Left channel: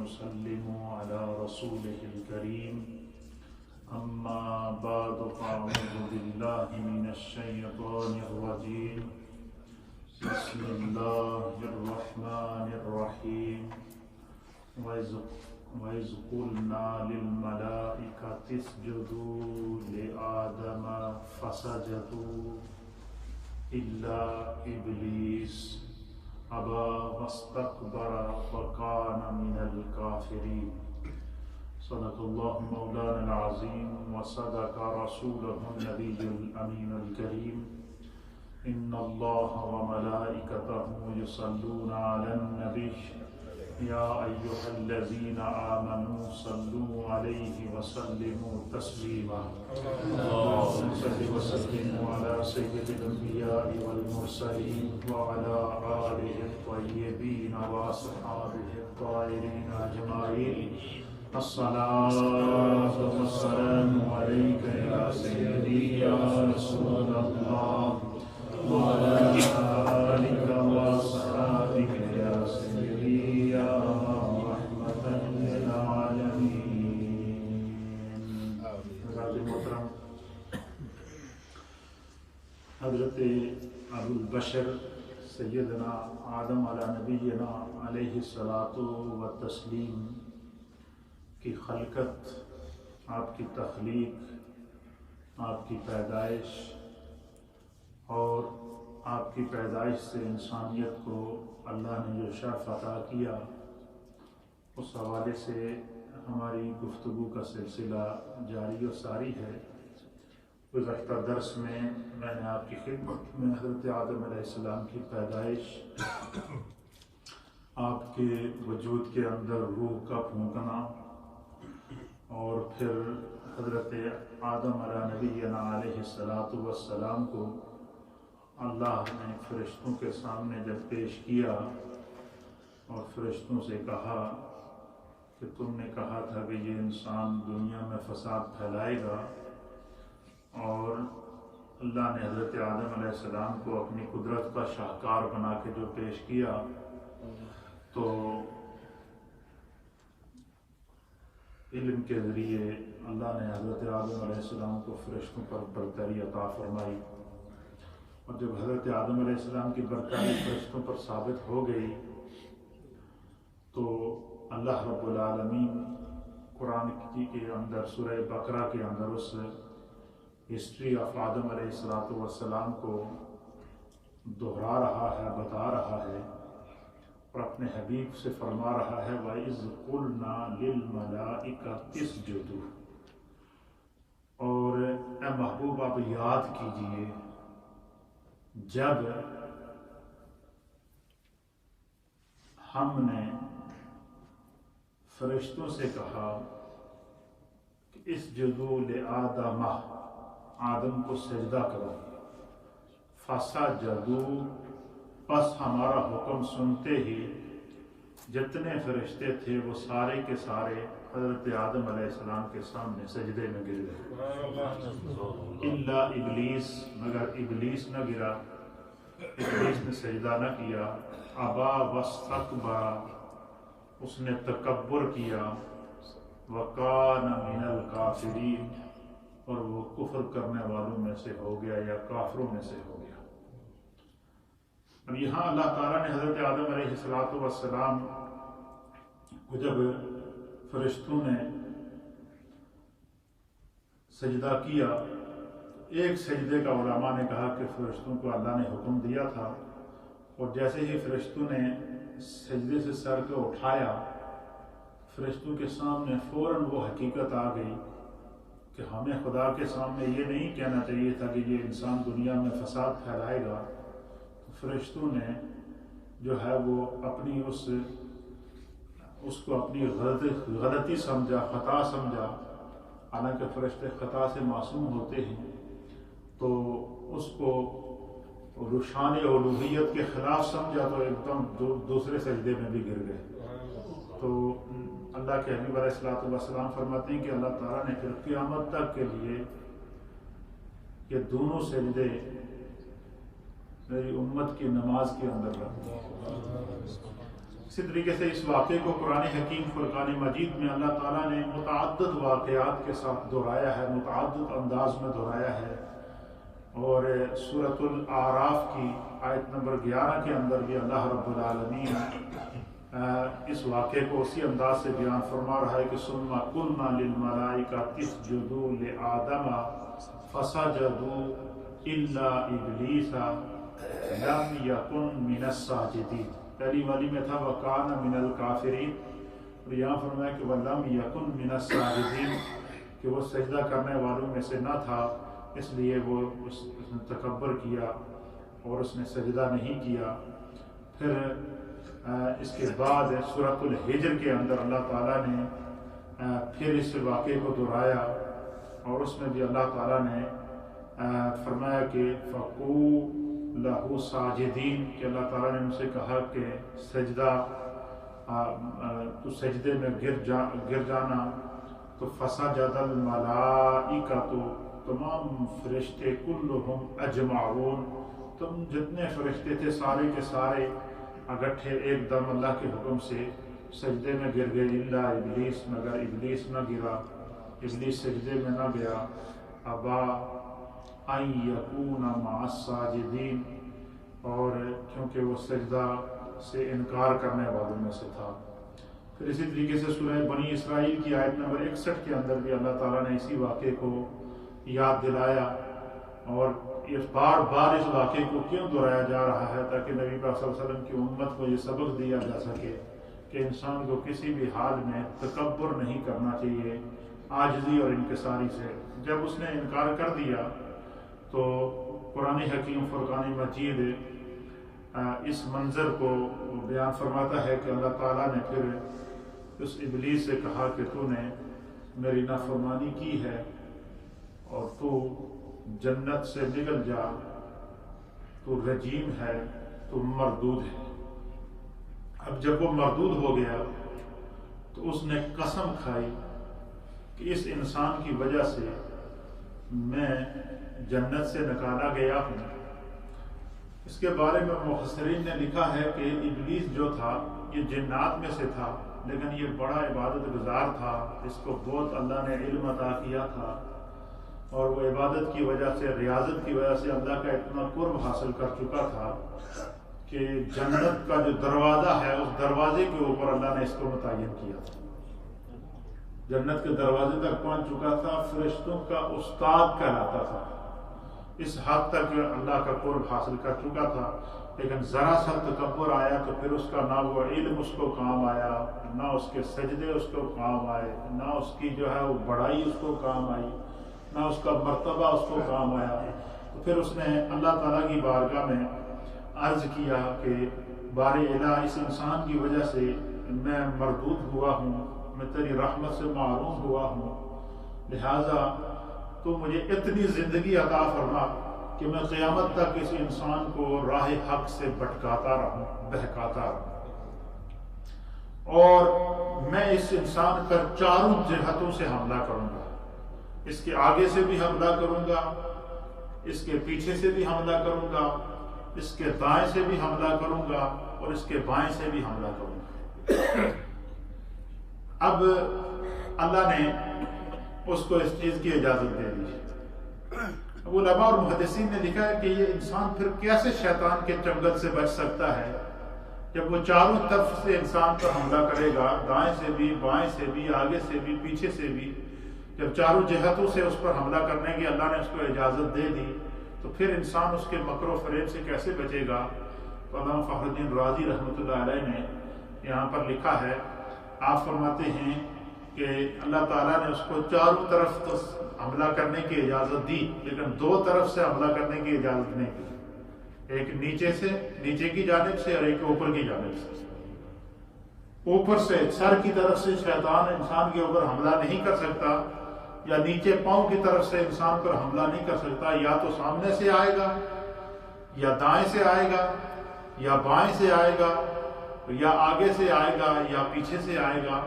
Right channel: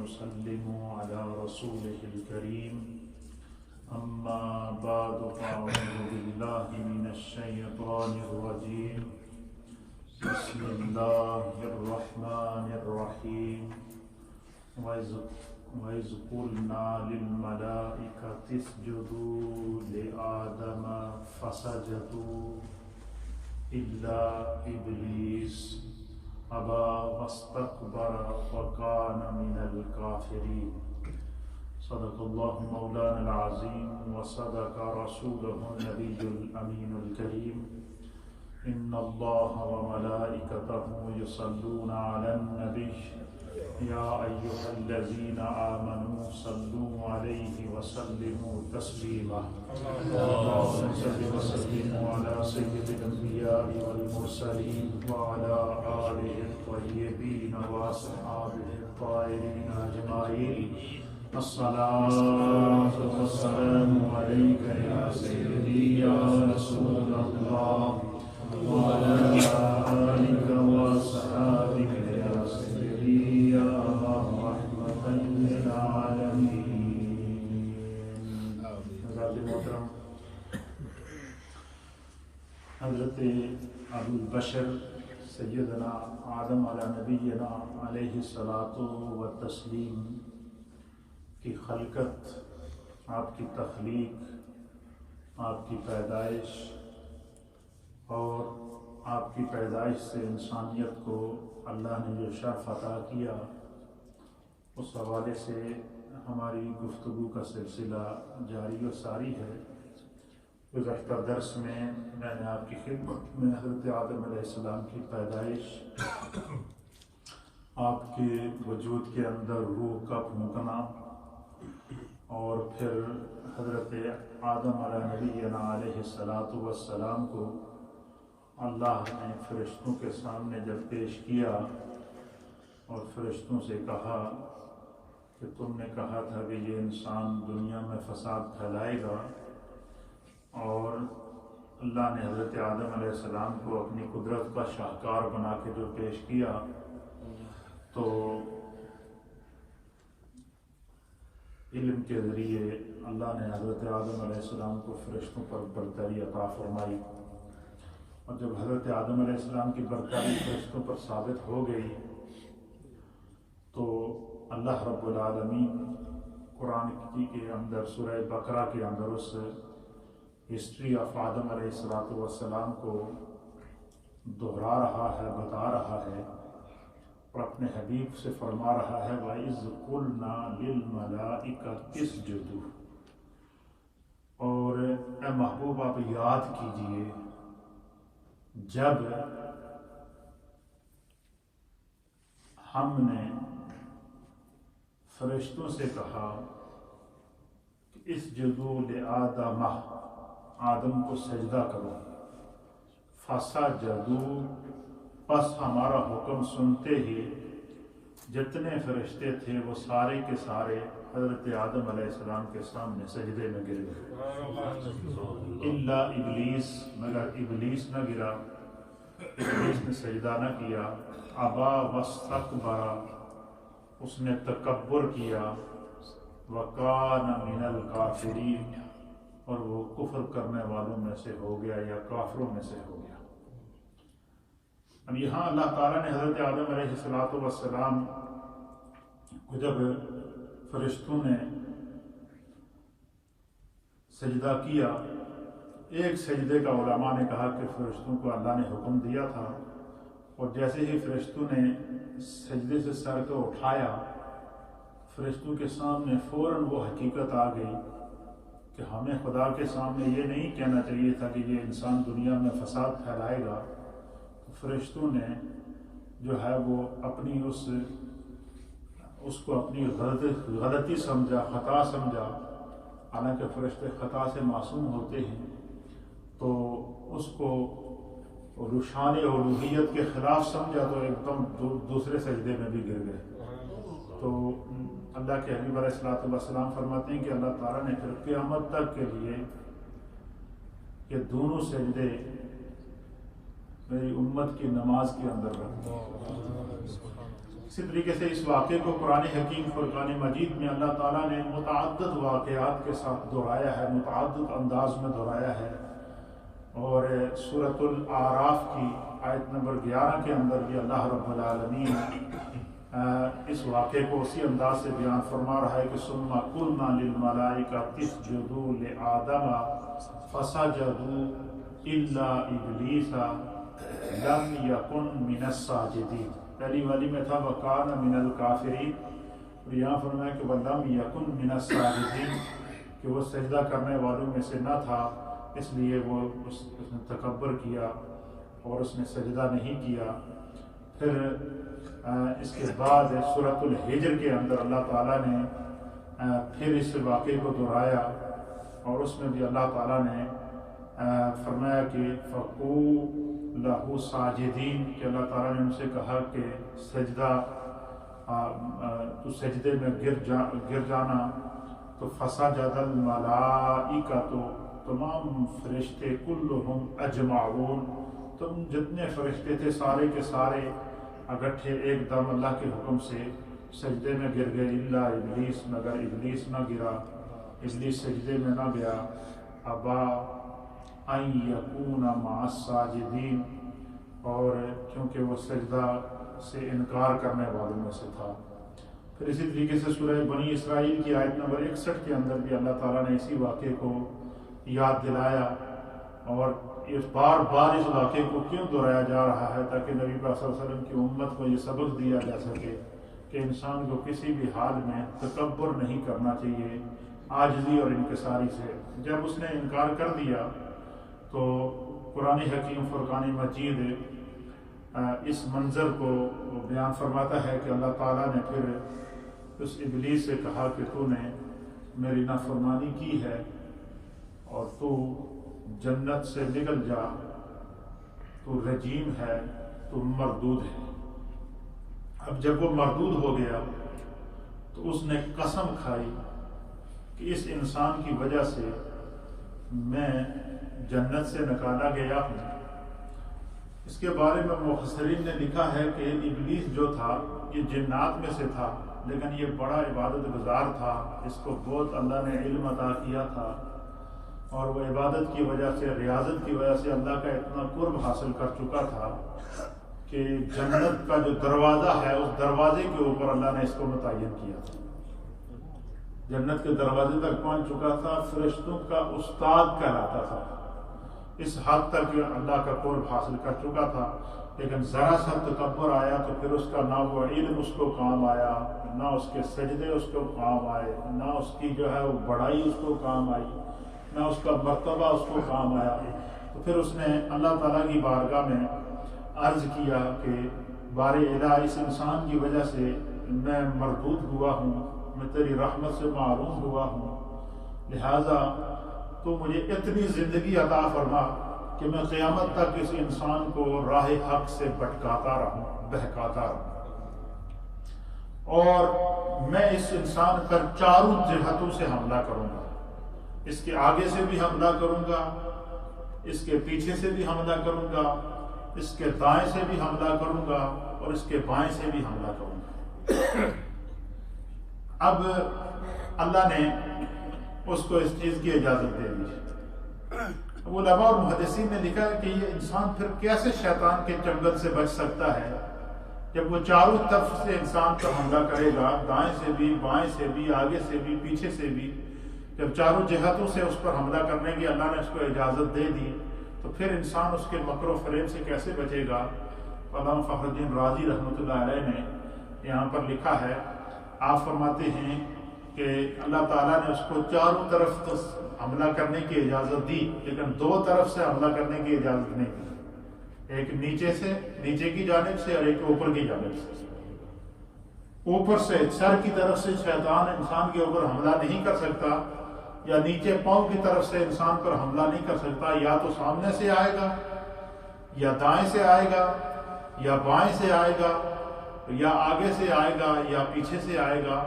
ونسلم على رسوله الكريم أما بعد فأعوذ بالله من الشيطان الرجيم بسم الله الرحمن الرحيم وإذ قلنا للملائكة اسجدوا لآدم فسجدوا إلا إبليس أبى واستكبر وكان من الكافرين صدق الله مولانا العظيم وصدق رسوله النبي الأمين الكريم إن الله وملائكته يصلون على النبي يا أيها الذين آمنوا صلوا عليه وسلموا تسليما اللهم صل وسلم على سيد الأنبياء والمرسلين وعلى آله الطيبين وأصحابه الطاهرين أجمعين الصلاة والسلام عليك يا سيدي يا رسول الله وعلى آلك وأصحابك يا سيدي يا رحمة للعالمين. حضرت ابو البشر سیدنا آدم علی نبینا علیہ الصلاۃ والتسلیم کی خلقت، آپ کی تخلیق، آپ کی پیدائش اور آپ کی پیدائش سے انسانیت کو اللہ نے جو شرف عطا کیا، اس حوالے سے ہماری گفتگو کا سلسلہ جاری و ساری ہے. گزشتہ درس میں نے آپ کی خدمت میں حضرت آدم علیہ السلام کی پیدائش، آپ کے وجود کے اندر روح کا پھونکنا اور پھر حضرت آدم علیہ نبینا علیہ الصلاۃ والسلام کو اللہ نے فرشتوں کے سامنے جب پیش کیا اور فرشتوں سے کہا کہ تم نے کہا تھا کہ یہ انسان دنیا میں فساد پھیلائے گا، اور اللہ نے حضرت آدم علیہ السلام کو اپنی قدرت کا شاہکار بنا کے جو پیش کیا، تو علم کے ذریعے اللہ نے حضرت آدم علیہ السلام کو فرشتوں پر برتری عطا فرمائی. اور جب حضرت آدم علیہ السلام کی برتری فرشتوں پر ثابت ہو گئی تو اللہ رب العالمین قرآن کے اندر سورہ بقرہ کے اندر اس ہسٹری آف آدم علیہ الصلاۃ والسلام کو دہرا رہا ہے، بتا رہا ہے اور اپنے حبیب سے فرما رہا ہے وَإِذْ قُلْنَا لِلْمَلَائِكَةِ اسْجُدُوا. اور اے محبوب آپ یاد کیجئے جب ہم نے فرشتوں سے کہا کہ اسجدوا لآدم، آدم کو سجدہ کرو، فسجدوا، پس ہمارا حکم سنتے ہی جتنے فرشتے تھے وہ سارے کے سارے حضرت آدم علیہ السلام کے سامنے سجدے میں گر گئے. الا ابلیس، مگر ابلیس نہ گرا، ابلیس نے سجدہ نہ کیا. ابا واستکبر، اس نے تکبر کیا. وکان من الکافرین، اور وہ کفر کرنے والوں میں سے ہو گیا یا کافروں میں سے ہو گیا. اب یہاں اللہ تعالیٰ نے حضرت آدم علیہ الصلاۃ والسلام کو جب فرشتوں نے سجدہ کیا، ایک سجدے کا علماء نے کہا کہ فرشتوں کو اللہ نے حکم دیا تھا، اور جیسے ہی فرشتوں نے سجدے سے سر کو اٹھایا، فرشتوں کے سامنے فوراً وہ حقیقت آ گئی کہ ہمیں خدا کے سامنے یہ نہیں کہنا چاہیے تھا کہ یہ انسان دنیا میں فساد پھیلائے گا. تو فرشتوں نے جو ہے وہ اپنی اس کو اپنی غلطی سمجھا، خطا سمجھا. حالانکہ فرشتے خطا سے معصوم ہوتے ہیں، تو اس کو روشان الوہیت کے خلاف سمجھا تو ایک دم دوسرے سجدے میں بھی گر گئے. تو اللہ کے حبیب علیہ الصلوۃ والسلام فرماتے ہیں کہ اللہ تعالیٰ نے پھر قیامت تک کے لیے یہ دونوں سجدے میری امت کی نماز کے اندر رکھتے ہیں. اسی طریقے سے اس واقعے کو قرآن حکیم فرقان مجید میں اللہ تعالیٰ نے متعدد واقعات کے ساتھ دہرایا ہے، متعدد انداز میں دہرایا ہے، اور سورۃ الاعراف کی آیت نمبر 11 کے اندر بھی اللہ رب العالمین اس واقعے کو اسی انداز سے بیان فرما رہا ہے کہ ثم قلنا للملائکۃ اسجدوا لآدم فسجدوا الا ابلیس لم یکن من الساجدین۔ پہلی والی میں تھا وکان من الکافرین، اور یہاں فرمایا کہ وَلَمْ يَكُنْ مِنَ السَّاجِدِينَ، کہ وہ سجدہ کرنے والوں میں سے نہ تھا، اس لیے وہ اس نے تکبر کیا اور اس نے سجدہ نہیں کیا۔ پھر اس کے بعد سورۃ الحجر کے اندر اللہ تعالیٰ نے پھر اس واقعے کو دہرایا، اور اس میں بھی اللہ تعالیٰ نے فرمایا کہ فَقُوا لَهُ سَاجِدِينَ، کہ اللہ تعالیٰ نے ان سے کہا کہ سجدہ تو سجدے میں گر جانا، تو فسجد الملائکۃ، تمام فرشتے کلہم اجمعون، تم جتنے فرشتے تھے سارے کے سارے اکٹھے ایک دم اللہ کے حکم سے سجدے میں گر گئے، الا ابلیس، مگر ابلیس نہ گرا، ابلیس سجدے میں نہ گیا۔ ابا ان یکون مع الساجدین، اور کیونکہ وہ سجدہ سے انکار کرنے والوں میں سے تھا۔ پھر اسی طریقے سے سورہ بنی اسرائیل کی آیت نمبر 61 کے اندر بھی اللہ تعالیٰ نے اسی واقعے کو یاد دلایا، اور اس بار بار اس واقعے کو کیوں دہرایا جا رہا ہے؟ تاکہ نبی پاک صلی اللہ علیہ وسلم کی امت کو یہ سبق دیا جا سکے کہ انسان کو کسی بھی حال میں تکبر نہیں کرنا چاہیے، عاجزی اور انکساری سے۔ جب اس نے انکار کر دیا تو قرآن حکیم فرقان مجید اس منظر کو بیان فرماتا ہے کہ اللہ تعالیٰ نے پھر اس ابلیس سے کہا کہ تو نے میری نافرمانی کی ہے اور تو جنت سے نکل جا، تو رجیم ہے، تو مردود ہے۔ اب جب وہ مردود ہو گیا تو اس نے قسم کھائی کہ اس انسان کی وجہ سے میں جنت سے نکالا گیا ہوں۔ اس کے بارے میں مفسرین نے لکھا ہے کہ ابلیس جو تھا یہ جنات میں سے تھا، لیکن یہ بڑا عبادت گزار تھا، اس کو بہت اللہ نے علم عطا کیا تھا، اور وہ عبادت کی وجہ سے، ریاضت کی وجہ سے اللہ کا اتنا قرب حاصل کر چکا تھا کہ جنت کا جو دروازہ ہے اس دروازے کے اوپر اللہ نے اس کو متعین کیا تھا۔ جنت کے دروازے تک پہنچ چکا تھا، فرشتوں کا استاد کہلاتا تھا، اس حد تک اللہ کا قرب حاصل کر چکا تھا۔ لیکن ذرا سا تکبر آیا تو پھر اس کا نہ وہ علم اس کو کام آیا، نہ اس کے سجدے اس کو کام آئے، نہ اس کی جو ہے وہ بڑائی اس کو کام آئی، نہ اس کا مرتبہ اس کو کام آیا۔ تو پھر اس نے اللہ تعالیٰ کی بارگاہ میں عرض کیا کہ بار الہ، اس انسان کی وجہ سے میں مردود ہوا ہوں، میں تیری رحمت سے محروم ہوا ہوں، لہٰذا تو مجھے اتنی زندگی عطا فرما کہ میں قیامت تک اس انسان کو راہ حق سے بھٹکاتا رہوں، بہکاتا رہوں، اور میں اس انسان پر چاروں جہتوں سے حملہ کروں گا، اس کے آگے سے بھی حملہ کروں گا، اس کے پیچھے سے بھی حملہ کروں گا، اس کے دائیں سے بھی حملہ کروں گا، اور اس کے بائیں سے بھی حملہ کروں گا۔ اب اللہ نے اس کو اس چیز کی اجازت دے دی۔ علماء اور محدثین نے لکھا ہے کہ یہ انسان پھر کیسے شیطان کے چنگل سے بچ سکتا ہے جب وہ چاروں طرف سے انسان پر حملہ کرے گا، دائیں سے بھی، بائیں سے بھی، آگے سے بھی، پیچھے سے بھی، جب چاروں جہتوں سے اس پر حملہ کرنے کی اللہ نے اس کو اجازت دے دی تو پھر انسان اس کے مکر و فریب سے کیسے بچے گا؟ علامہ فخر الدین رازی رحمۃ اللہ علیہ نے یہاں پر لکھا ہے، آپ فرماتے ہیں کہ اللہ تعالیٰ نے اس کو چاروں طرف تو حملہ کرنے کی اجازت دی، لیکن دو طرف سے حملہ کرنے کی اجازت نہیں دی، ایک نیچے سے، نیچے کی جانب سے، اور ایک اوپر کی جانب سے۔ اوپر سے سر کی طرف سے شیطان انسان کے اوپر حملہ نہیں کر سکتا، یا نیچے پاؤں کی طرف سے انسان پر حملہ نہیں کر سکتا، یا تو سامنے سے آئے گا، یا دائیں سے آئے گا، یا بائیں سے آئے گا، یا آگے سے آئے گا، یا پیچھے سے آئے گا۔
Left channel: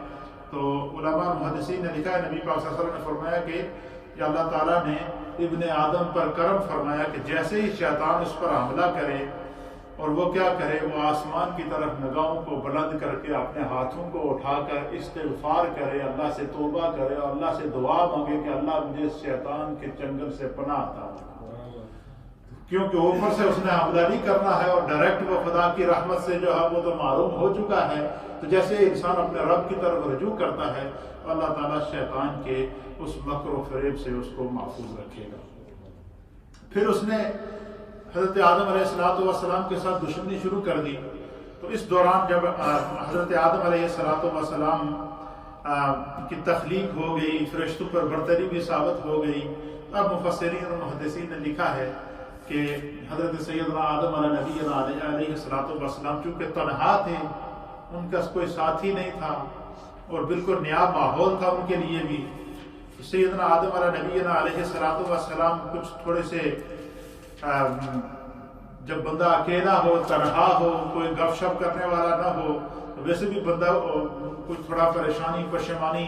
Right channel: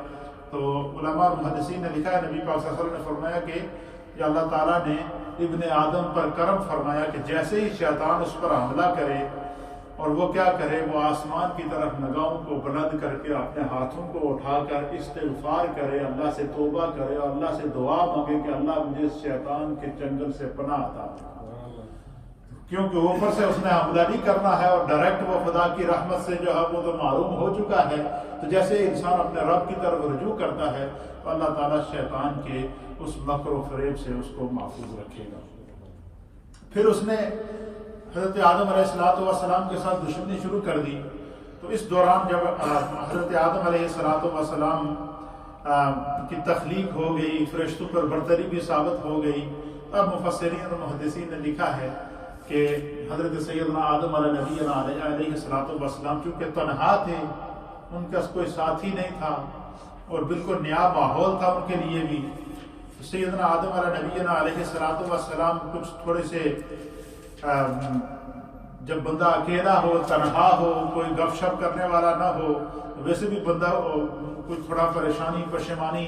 تو علماء محدثین نے لکھا ہے، نبی پاک صلی اللہ علیہ وسلم نے فرمایا کہ یا اللہ تعالیٰ نے ابن آدم پر کرم فرمایا کہ جیسے ہی شیطان اس پر حملہ کرے اور وہ کیا کرے، وہ آسمان کی طرف نگاہوں کو بلند کر کے اپنے ہاتھوں کو اٹھا کر استغفار کرے، اللہ سے توبہ کرے اور اللہ سے دعا مانگے کہ اللہ مجھے شیطان کے چنگل سے پناہ عطا فرما، کیونکہ اوپر سے اس نے حملہ نہیں کرنا ہے اور ڈائریکٹ وہ خدا کی رحمت سے جو ہے وہ تو معلوم ہو چکا ہے۔ تو جیسے انسان اپنے رب کی طرف رجوع کرتا ہے تو اللہ تعالیٰ شیطان کے اس مکر و فریب سے اس کو محفوظ رکھے گا۔ پھر اس نے حضرت آدم علیہ السلام کے ساتھ دشمنی شروع کر دی، تو اس دوران جب حضرت آدم علیہ السلام کی تخلیق ہو گئی، فرشتوں پر برتری بھی ثابت ہو گئی، اب مفسرین اور محدثین نے لکھا ہے کہ حضرت سیدنا آدم علیہ السلام چونکہ تنہا تھے، ان کا کوئی ساتھی نہیں تھا اور بالکل نیا ماحول تھا ان کے لیے بھی، سیدنا آدم علیہ السلام کچھ تھوڑے سے جب بندہ اکیلا ہو، تنہا ہو، کوئی گپ شپ کرنے والا نہ ہو، ویسے بھی بندہ کوئی تھوڑا پریشانی پشیمانی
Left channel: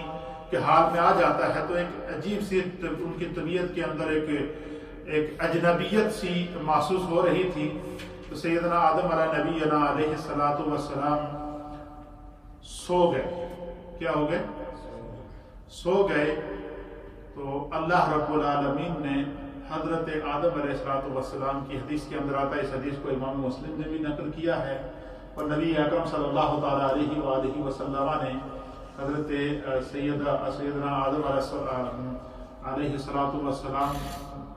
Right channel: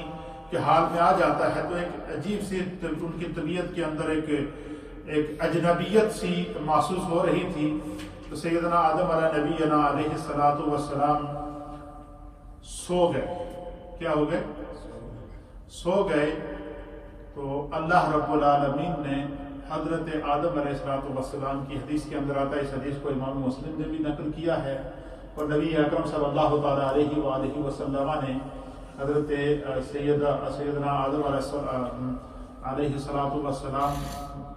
کے حال میں آ جاتا ہے، تو ایک عجیب سی ان کی طبیعت کے اندر ایک اجنبیت سی محسوس ہو رہی تھی۔ تو سیدنا آدم علیہ السلام سو گئے۔ کیا ہو گئے؟ سو گئے۔ تو اللہ رب العالمین نے حضرت آدم علیہ السلام کی حدیث کے اندر آتا ہے، اس حدیث کو امام مسلم نے بھی نقل کیا ہے، اور نبی اکرم صلی اللہ تعالیٰ علیہ وآلہ وسلم نے حضرت سیدنا آدم علیہ السلام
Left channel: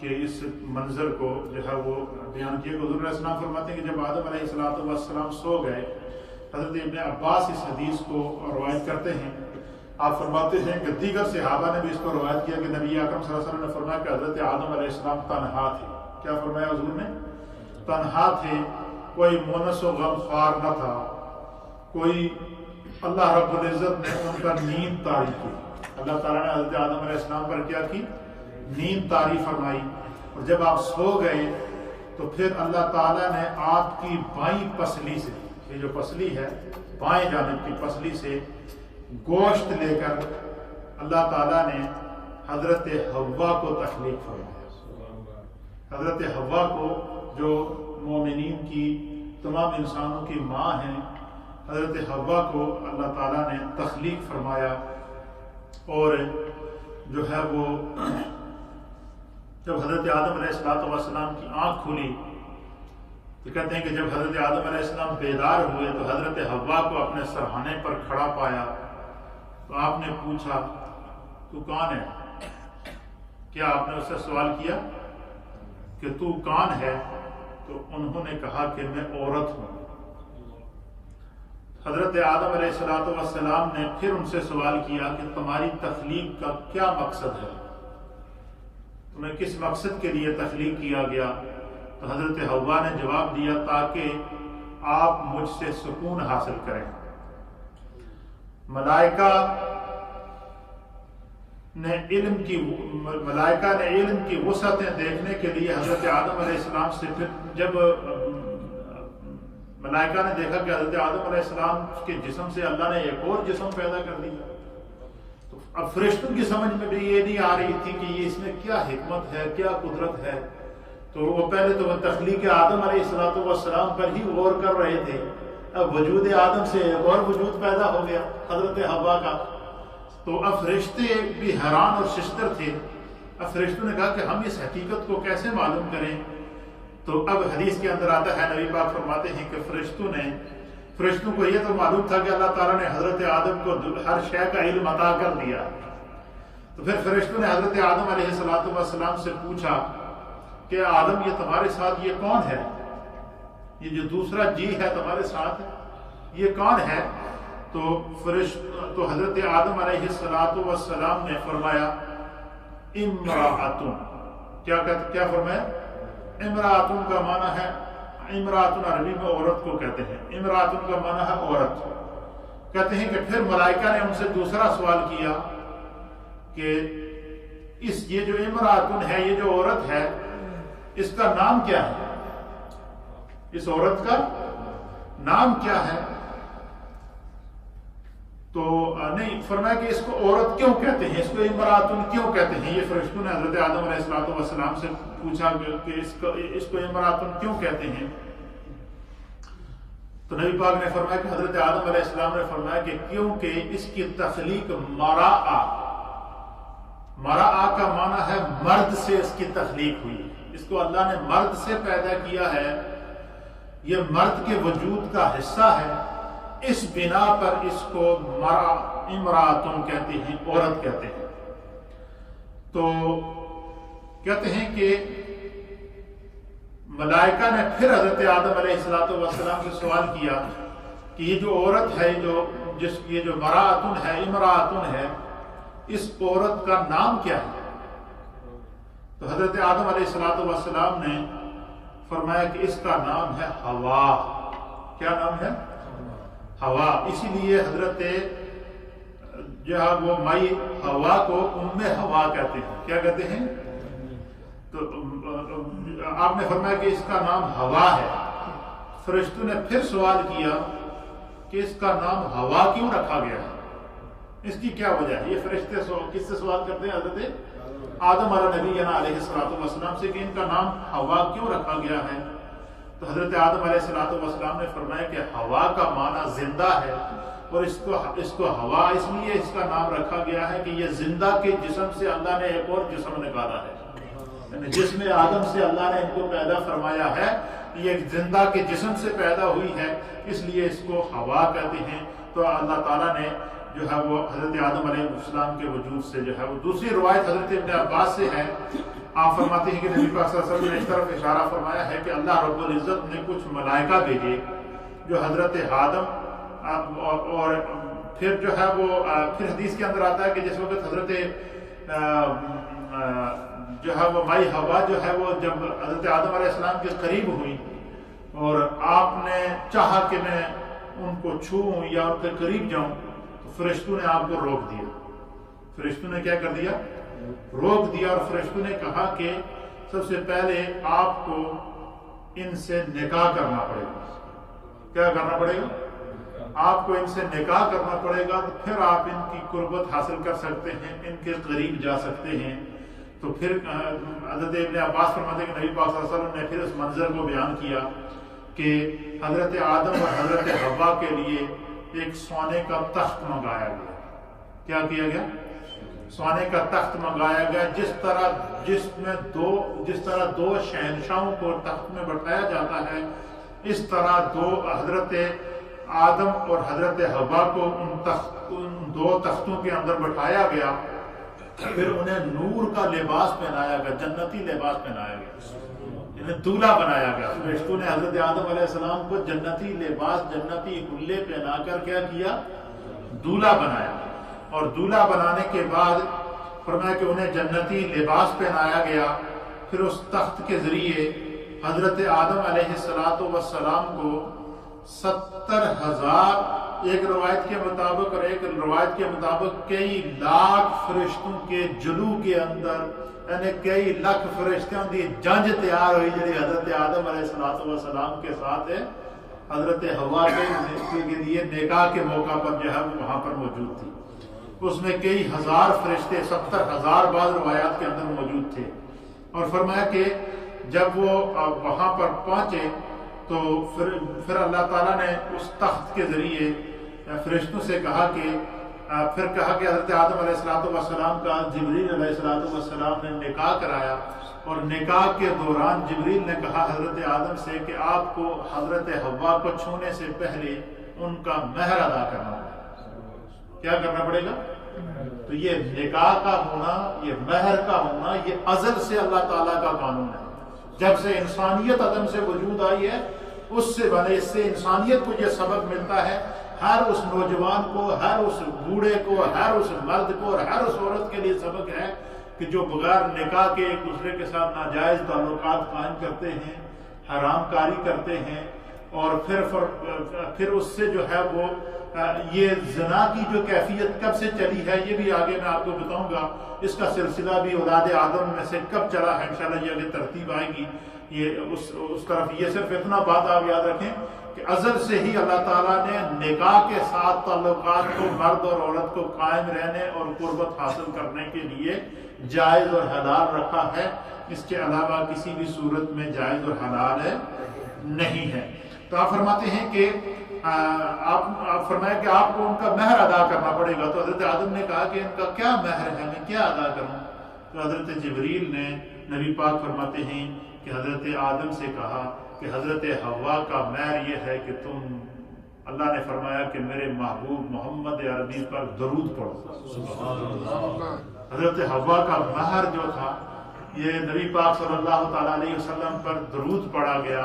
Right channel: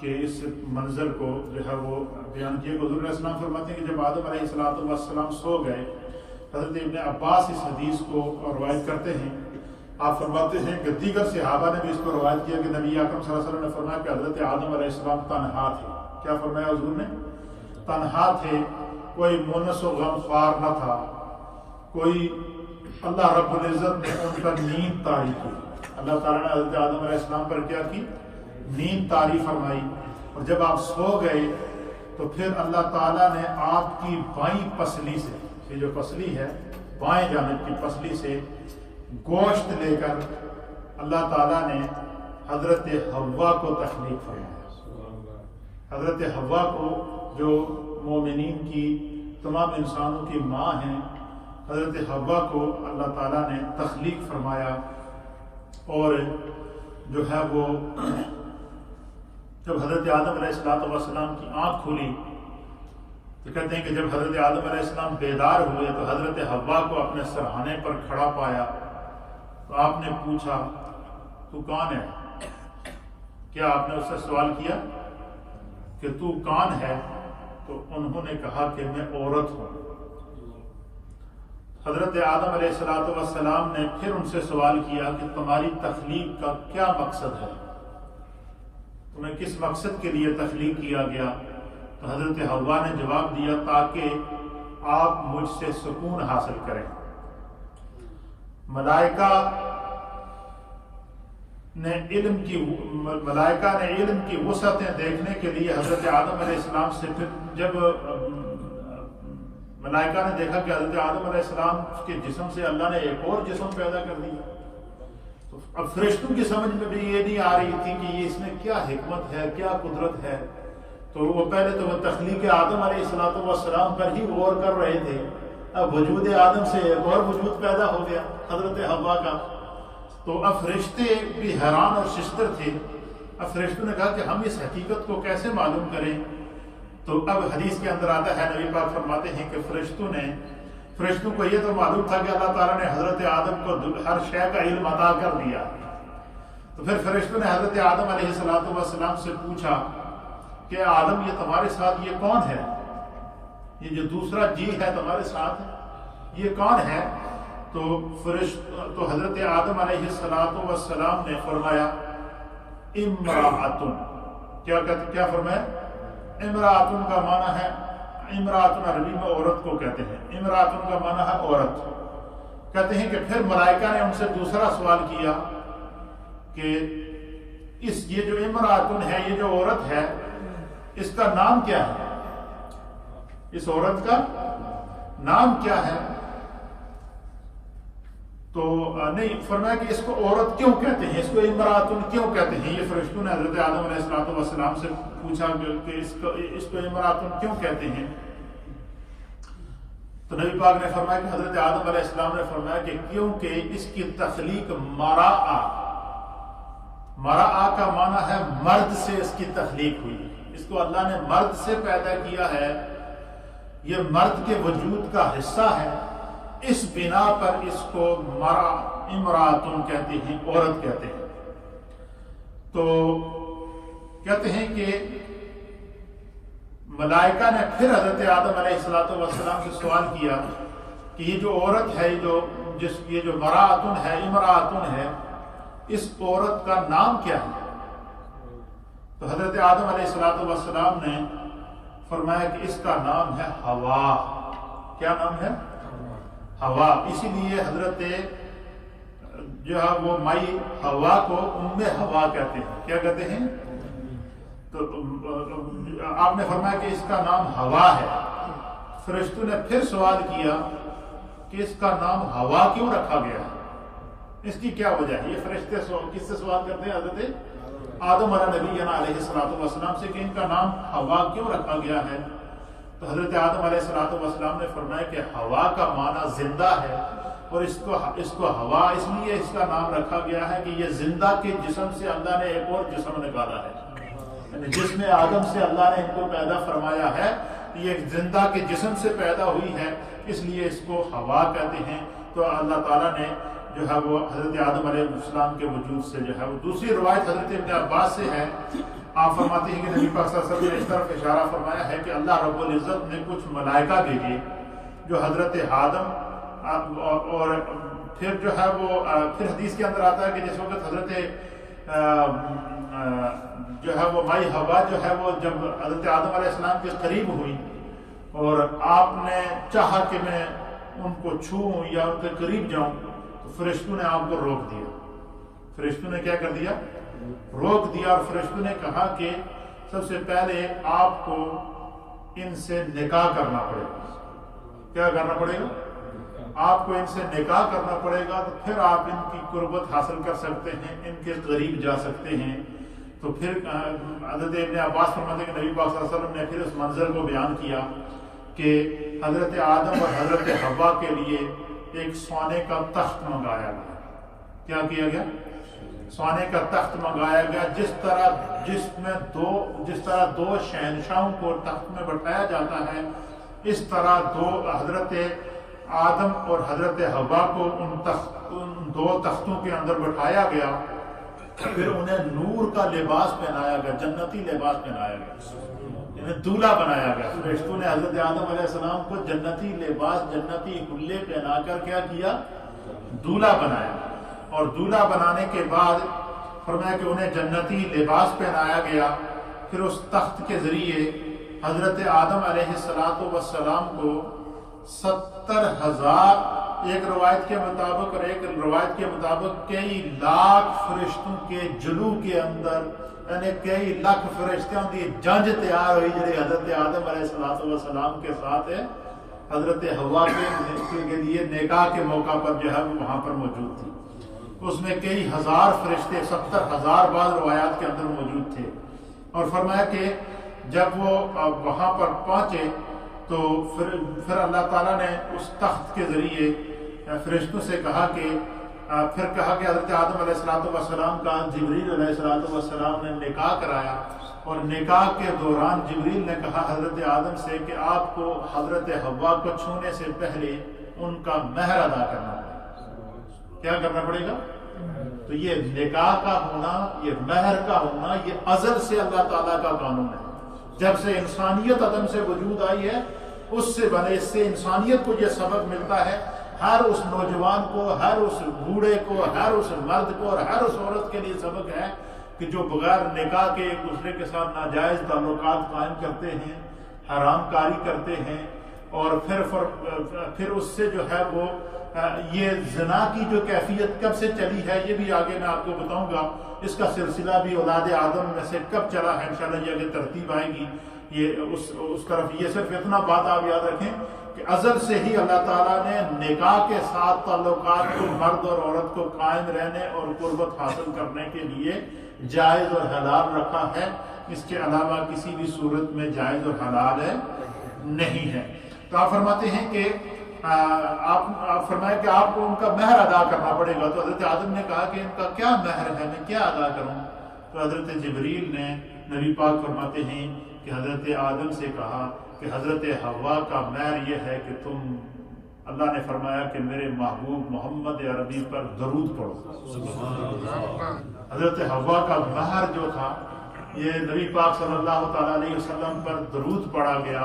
کے اس منظر کو جو ہے وہ بیان کیا۔ حضور علیہ السلام فرماتے ہیں کہ جب آدم علیہ السلام سو گئے، حضرت ابن عباس اس حدیث کو روایت کرتے ہیں، آپ فرماتے ہیں کہ دیگر صحابہ نے بھی اس کو روایت کیا کہ نبی اکرم صلی اللہ علیہ وسلم نے فرمایا کہ حضرت آدم علیہ السلام تنہا تھے۔ کیا فرمایا حضور نے؟ تنہا تھے، کوئی مونس و غم خوار نہ تھا، کوئی، اللہ رب العزت نے ان کا نیند طاری کی، اللہ تعالیٰ نے حضرت آدم علیہ السلام پر کیا کی؟ نیند طاری فرمائی، اور جب آپ سو گئے تو پھر اللہ تعالیٰ نے آپ کی بائیں پسلی سے، یہ جو پسلی ہے بائیں جانب کی پسلی سے گوشت لے کر اللہ تعالیٰ نے حضرت حوا کو تخلیق فرمایا۔ حضرت حوا کو جو مومنین کی، تمام انسانوں کی ماں ہیں، حضرت حوا کو اللہ تعالیٰ نے تخلیق فرمایا، اور جو ہے وہ جب حضرت آدم علیہ السلام کی آنکھ کھلی تو کہتے ہیں کہ جب حضرت آدم علیہ السلام بیدار ہوئے تو حضرت حوا کو اپنے سرہانے پر کھڑا پایا، تو آپ نے پوچھا تو کون ہے؟ کیا آپ نے اس سے سوال کیا کہ تو کون ہے؟ تو انہوں نے کہا کہ میں عورت ہوں۔ حضرت آدم علیہ السلام نے پھر ان سے سوال کیا کہ تمہاری تخلیق کا کیا مقصد ہے، تمہیں کس مقصد کے لیے تخلیق کیا گیا؟ تو حضرت حوا نے جواب دیا تاکہ آپ مجھ سے سکون حاصل کریں۔ ملائکہ نے علم کی وسعتیں دیکھنے کے لیے حضرت آدم علیہ السلام سے، پھر جب ملائکہ نے دیکھا کہ حضرت آدم علیہ السلام کے جسم سے اللہ نے ایک اور جسم پیدا کر دیا، تو اب فرشتوں کی سمجھ میں بھی یہ نہیں آ رہی تھی کہ یہ اس میں کیا حکمت ہے، کیا قدرت ہے۔ تو وہ پہلے تو وہ تخلیق آدم علیہ السلام پر ہی غور کر رہے تھے، اب وجود آدم سے ایک اور وجود پیدا ہو گیا حضرت حوا کا، تو اب فرشتے بھی حیران اور ششدر تھے۔ اب فرشتوں نے کہا کہ ہم اس حقیقت کو کیسے معلوم کریں؟ تو اب حدیث کے اندر آتا ہے، نبی پاک فرماتے ہیں کہ فرشتوں کو یہ تو معلوم تھا کہ اللہ تعالیٰ نے حضرت آدم کو ہر شے کا علم عطا کر دیا، تو پھر فرشتوں نے حضرت آدم علیہ السلام سے پوچھا کہ آدم یہ تمہارے ساتھ یہ کون ہے؟ یہ جو دوسرا جی ہے تمہارے ساتھ یہ کون ہے؟ تو حضرت آدم علیہ السلام نے فرمایا امرأتن۔ کیا فرمایا؟ امرأتن کا معنی ہے، امرأتن عربی میں عورت کو کہتے ہیں، امرأتن کا معنی ہے عورت۔ کہتے ہیں کہ پھر ملائکہ نے ان سے دوسرا سوال کیا کہ یہ جو امرأتن ہے، یہ جو عورت ہے، اس کا نام کیا ہے؟ اس عورت کا نام کیا ہے؟ تو نہیں فرمایا کہ اس کو عورت کیوں کہتے ہیں، اس کو امرأتن کیوں کہتے ہیں؟ یہ فرشتوں نے حضرت آدم علیہ السلام سے پوچھا کہ اس کو امرأتن کیوں کہتے ہیں؟ تو نبی پاک نے فرمایا کہ حضرت آدم علیہ السلام نے فرمایا کہ کیونکہ اس کی تخلیق مرآ کا معنی ہے مرد سے اس کی تخلیق ہوئی، اس کو اللہ نے مرد سے پیدا کیا ہے، یہ مرد کے وجود کا حصہ ہے، اس بنا پر اس کو امراتن کہتے ہیں، عورت کہتے ہیں۔ تو کہتے ہیں کہ ملائکہ نے پھر حضرت آدم علیہ السلام سے سوال کیا کہ یہ جو عورت ہے، یہ جو مراتن ہے، امراتن ہے، اس عورت کا نام کیا ہے؟ تو حضرت آدم علیہ السلام نے فرمایا کہ اس کا نام ہے ہوا۔ کیا نام ہے؟ ہوا۔ اسی لیے حضرت جو ہے وہ مائی ہوا کو ام ہوا کہتے ہیں۔ کیا کہتے ہیں؟ تو آپ نے فرمایا کہ اس کا نام ہوا ہے۔ فرشتوں نے پھر سوال کیا کہ اس کا نام ہوا کیوں رکھا گیا ہے، اس کی کیا وجہ ہے؟ یہ فرشتے کس سے سوال کرتے ہیں؟ حضرت آدم علیہ السلام سے کہ ان کا نام ہوا کیوں رکھا گیا ہے؟ تو حضرت آدم علیہ السلام نے فرمایا کہ ہوا کا معنی زندہ ہے، اور اس کو ہوا اس لیے اس کا نام رکھا گیا ہے کہ یہ زندہ کے جسم سے اللہ نے ایک اور جسم نکالا ہے، جس میں آدم سے اللہ نے ان کو پیدا فرمایا ہے، یہ ایک زندہ کے جسم سے پیدا ہوئی ہے، اس لیے اس کو ہوا کہتے ہیں۔ تو اللہ تعالیٰ نے جو ہے وہ حضرت آدم علیہ السلام کے وجود سے جو ہے وہ، دوسری روایت حضرت ابن عباس سے ہے، آپ فرماتے ہیں کہ نبی پاک صلی اللہ علیہ وسلم نے اس طرف اشارہ فرمایا ہے کہ اللہ رب العزت نے کچھ ملائکہ بھیجے جو حضرت آدم اور پھر جو ہے وہ پھر حدیث کے اندر آتا ہے کہ جس وقت حضرت جو ہے وہ مائی ہوا جو ہے وہ جب حضرت آدم علیہ السلام کے قریب ہوئی اور آپ نے چاہا کہ میں ان کو چھوؤں یا ان کے قریب جاؤں، تو فرشتوں نے آپ کو روک دیا۔ فرشتوں نے کیا کر دیا؟ روک دیا، اور فرشتوں نے کہا کہ سب سے پہلے آپ کو ان سے نکاح کرنا پڑے گا۔ کیا کرنا پڑے گا؟ آپ کو ان سے نکاح کرنا پڑے گا، تو پھر آپ ان کی قربت حاصل کر سکتے ہیں، ان کے قریب جا سکتے ہیں۔ تو پھر حضرت ابن عباس فرماتے ہیں کہ نبی پاک صلی اللہ علیہ وسلم نے پھر اس منظر کو بیان کیا کہ حضرت آدم اور حضرت حوا کے لیے ایک سونے کا تخت منگایا گیا۔ کیا کیا گیا؟ سونے کا تخت منگایا گیا، جس طرح دو شہنشاہوں کو تخت میں بٹھایا جاتا ہے، اس طرح حضرت آدم اور حضرت حوا کو ان دو تختوں کے اندر بٹھایا گیا، پھر انہیں نور کا لباس پہنایا گیا، جنتی لباس پہنایا گیا، انہیں دولہا بنایا گیا۔ فرشتوں نے حضرت آدم علیہ السلام کو جنتی لباس، جنتی حلے پہنا کر کیا کیا؟ دولہا بنایا، اور دولہا بنانے کے بعد فرمایا کہ انہیں جنتی لباس پہنایا گیا۔ پھر اس تخت کے ذریعے حضرت آدم علیہ السلام کو 70,000 ایک روایت کے مطابق اور ایک روایت کے مطابق کئی لاکھ فرشتوں کے جلو کے اندر، یعنی کئی لاکھ فرشتوں کی جنج تیار ہوئی جی حضرت آدم علیہ السلام کے ساتھ حضرت حوا کے لیے نکاح کے موقع پر جو ہے وہاں پر موجود تھی۔ اس میں کئی ہزار فرشتے، 70,000 بعض روایات کے اندر موجود تھے، اور فرمایا کہ جب وہ وہاں پر پہنچے تو پھر اللہ تعالیٰ نے اس تخت کے ذریعے فرشتوں سے کہا کہ حضرت آدم علیہ السلام کا جبریل علیہ السلام نے نکاح کرایا، اور نکاح کے دوران جبریل نے کہا حضرت آدم سے کہ آپ کو حضرت حوا کو چھونے سے پہلے ان کا مہر ادا کرنا ہوگا۔ کیا کرنا پڑے گا؟ تو یہ نکاح کا ہونا، یہ مہر کا ہونا، یہ ازل سے اللہ تعالیٰ کا قانون ہے۔ جب سے انسانیت عدم سے وجود آئی ہے، اس سے انسانیت کو یہ سبق ملتا ہے، ہر اس نوجوان کو، ہر اس بوڑھے کو، ہر اس مرد کو اور ہر اس عورت کے لیے سبق ہے کہ جو بغیر نکاح کے ایک دوسرے کے ساتھ ناجائز تعلقات قائم کرتے ہیں، حرام کاری کرتے ہیں، اور پھر اس سے جو ہے وہ یہ زنا کی جو کیفیت کب سے چلی ہے، یہ بھی آگے میں آپ کو بتاؤں گا۔ اس کا سلسلہ بھی اولاد آدم میں سے کب چلا ہے، انشاءاللہ یہ آگے ترتیب آئے گی یہ اس طرف۔ یہ صرف اتنا بات آپ یاد رکھیں کہ ازل سے ہی اللہ تعالیٰ نے نکاح کے ساتھ تعلقات کو مرد اور عورت کو قائم رہنے اور قربت حاصل کرنے کے لیے جائز اور حلال رکھا ہے، اس کے علاوہ کسی بھی صورت میں جائز اور حلال نہیں ہے۔ تو آپ فرماتے ہیں کہ آپ فرمایا کہ آپ کو ان کا مہر ادا کرنا پڑے گا. تو حضرت آدم نے کہا کہ ان کا کیا مہر ہے, میں کیا ادا کروں؟ تو حضرت جبریل نے, نبی پاک فرماتے ہیں کہ حضرت آدم سے کہا کہ حضرت حوا کا مہر یہ ہے کہ تم, اللہ نے فرمایا کہ میرے محبوب محمد عربی پر درود پڑھو. حضرت حوا کا مہر جو تھا یہ نبی پاک صلی اللہ تعالیٰ علیہ وسلم پر درود پڑھا گیا.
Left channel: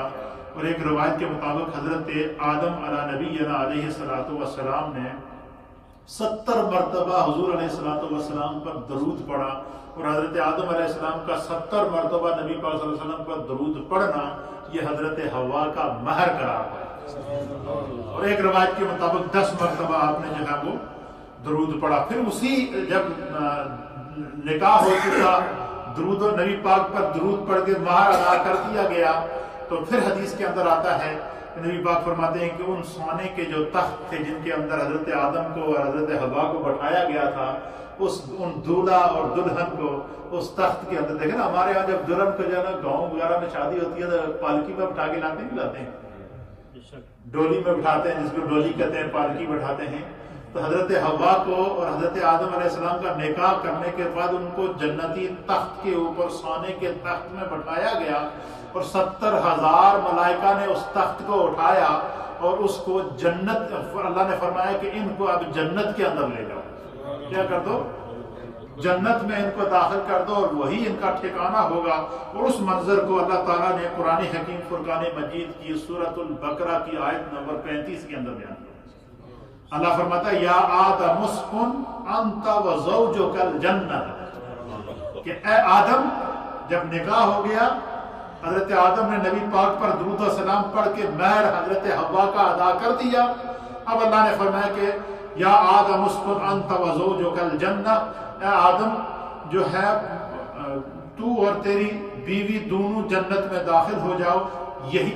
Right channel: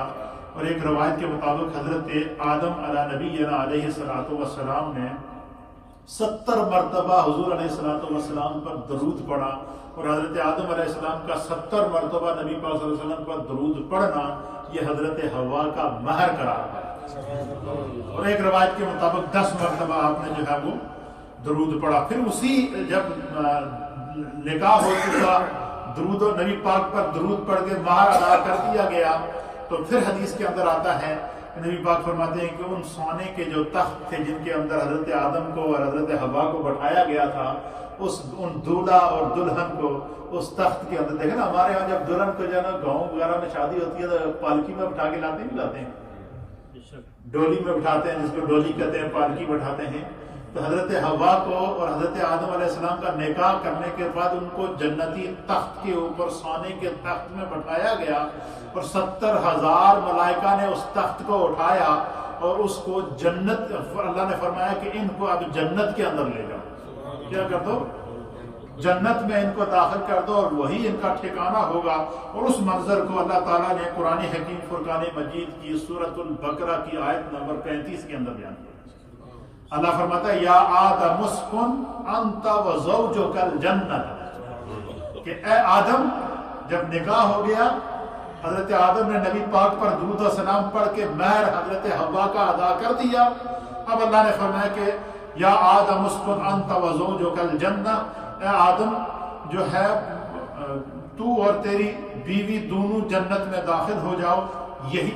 اور ایک روایت کے مطابق حضرت آدم علی نبینا علیہ السلام نے 70 مرتبہ حضور علیہ السلام پر درود پڑھا. اور حضرت آدم علیہ السلام کا 70 مرتبہ نبی پاک صلی اللہ علیہ وسلم پر درود پڑھنا یہ حضرت حوا کا مہر قرار پایا. اور ایک روایت کے مطابق 10 مرتبہ آپ نے جو ہے وہ درود پڑھا. پھر اسی جب نکاح ہو چکا, درود و نبی پاک پر درود پڑھ کے مہر ادا کر دیا گیا, تو پھر حدیث کے اندر آتا ہے نبی پاک فرماتے ہیں کہ ان سونے کے جو تخت تھے جن کے اندر حضرت آدم کو اور حضرت حوا کو بٹھایا گیا تھا, ان دولہا اور دلہن کو اس تخت کے اندر, دیکھیں نا ہمارے یہاں جب دلہن کو جو ہے نا گاؤں وغیرہ میں شادی ہوتی ہے تو پالکی میں بٹھا کے لاتے ہیں, ڈولی میں بٹھاتے ہیں, جس کو ڈولی کہتے ہیں, پالکی بٹھاتے ہیں. تو حضرت حوا کو اور حضرت آدم علیہ السلام کا نکاح کرنے کے بعد ان کو جنتی تخت کے اوپر سونے کے تخت میں بٹھایا گیا, اور 70,000 ملائکہ نے اس تخت کو اٹھایا اور اس کو جنت, اللہ نے فرمایا کہ ان کو اب جنت کے اندر لے جاؤ, کیا کر دو, جنت میں ان کو داخل کر دو اور وہی ان کا ٹھکانہ ہوگا. اور اس منظر کو اللہ تعالیٰ نے قرآن حکیم فرقان مجید کی سورۃ البقرہ کی آیت نمبر 35 کے اندر بیان کیا. اللہ فرماتا ہے یا آدم اسکن انت وزوجک الجنت, کہ اے آدم جب نکاح ہو گیا, حضرت آدم نے نبی پاک پر درود و سلام پڑھ کے مہر حضرت حوا کا ادا کر دیا. اب اللہ نے فرمایا کہ یا آدم اسکن انت وزوجک الجنت, اے آدم جو ہے تو اور تیری بیوی دونوں جنت میں داخل ہو جاؤ. یہی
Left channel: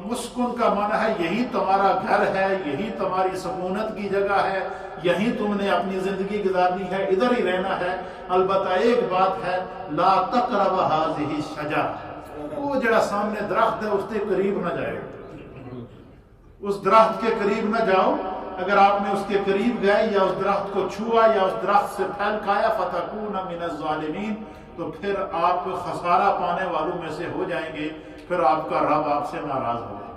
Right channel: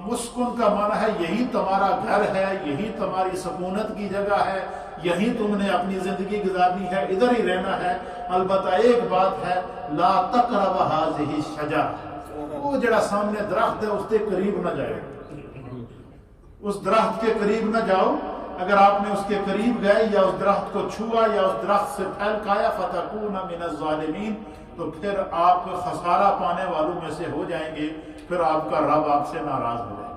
مسکن کا معنی ہے یہی تمہارا گھر ہے, یہی تمہاری سکونت کی جگہ ہے, یہی تم نے اپنی زندگی گزارنی ہے, ادھر ہی رہنا ہے. البتہ ایک بات ہے, لا تقرب هذه الشجرة, وہ جڑا سامنے درخت ہے اس کے قریب نہ جاؤ, اس درخت کے قریب نہ جاؤ. اگر آپ نے اس کے قریب گئے یا اس درخت کو چھوا یا اس درخت سے پھل کھایا فتکون من الظالمین, تو پھر آپ خسارہ پانے والوں میں سے ہو جائیں گے, پھر آپ کا رب آپ سے ناراض ہو جائے.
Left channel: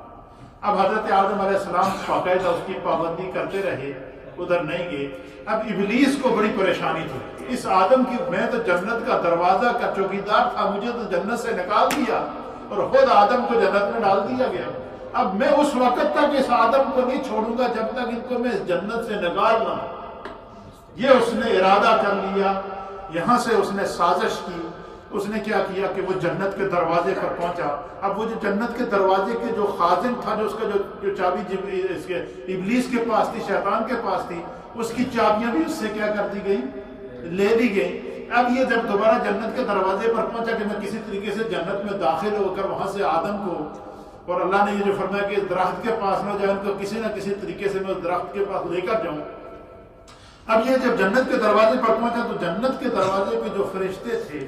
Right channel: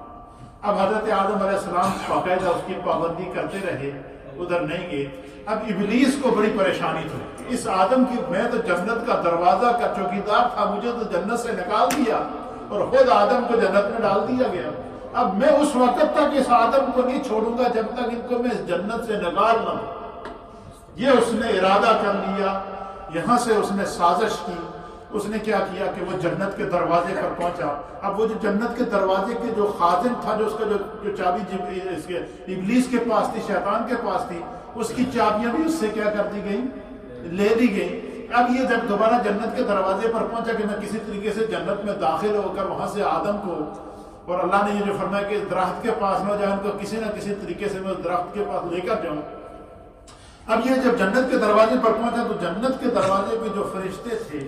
اب حضرت آدم علیہ السلام باقاعدہ اس کی پابندی کرتے رہے, ادھر نہیں گئے. اب ابلیس کو بڑی پریشانی تھی, اس آدم کی, میں تو جنت کا دروازہ کا چوکیدار تھا, مجھے تو جنت سے نکال دیا اور خود آدم کو جنت میں ڈال دیا گیا. اب میں اس وقت تک اس آدم کو نہیں چھوڑوں گا جب تک ان کو میں اس جنت سے نکال نہ دوں. یہ اس نے ارادہ کر لیا, یہاں سے اس نے سازش کی. اس نے کیا کیا کہ وہ جنت کے دروازے پر پہنچا. اب وہ جو جنت کے دروازے کے جو خازن تھا, جو اس کا جو چابی اس کے ابلیس کے پاس تھی, شیطان کے پاس تھی, اس کی چابیاں بھی اس سے کیا کر دی گئی, لے لی گئی. اب یہ جب دوبارہ جنت کے دروازے پر پہنچا کہ میں کسی طریقے سے جنت میں داخل ہو کر وہاں سے آدم کو, اور اللہ نے یہ جو فرمایا کہ درخت کے پاس نہ جائے, ان کو کسی نہ کسی طریقے سے میں اس درخت کے پاس لے کر جاؤں. اب یہ جب جنت کے دروازے پر پہنچا تو جنت کے دروازے پہ جو فرشتے تھے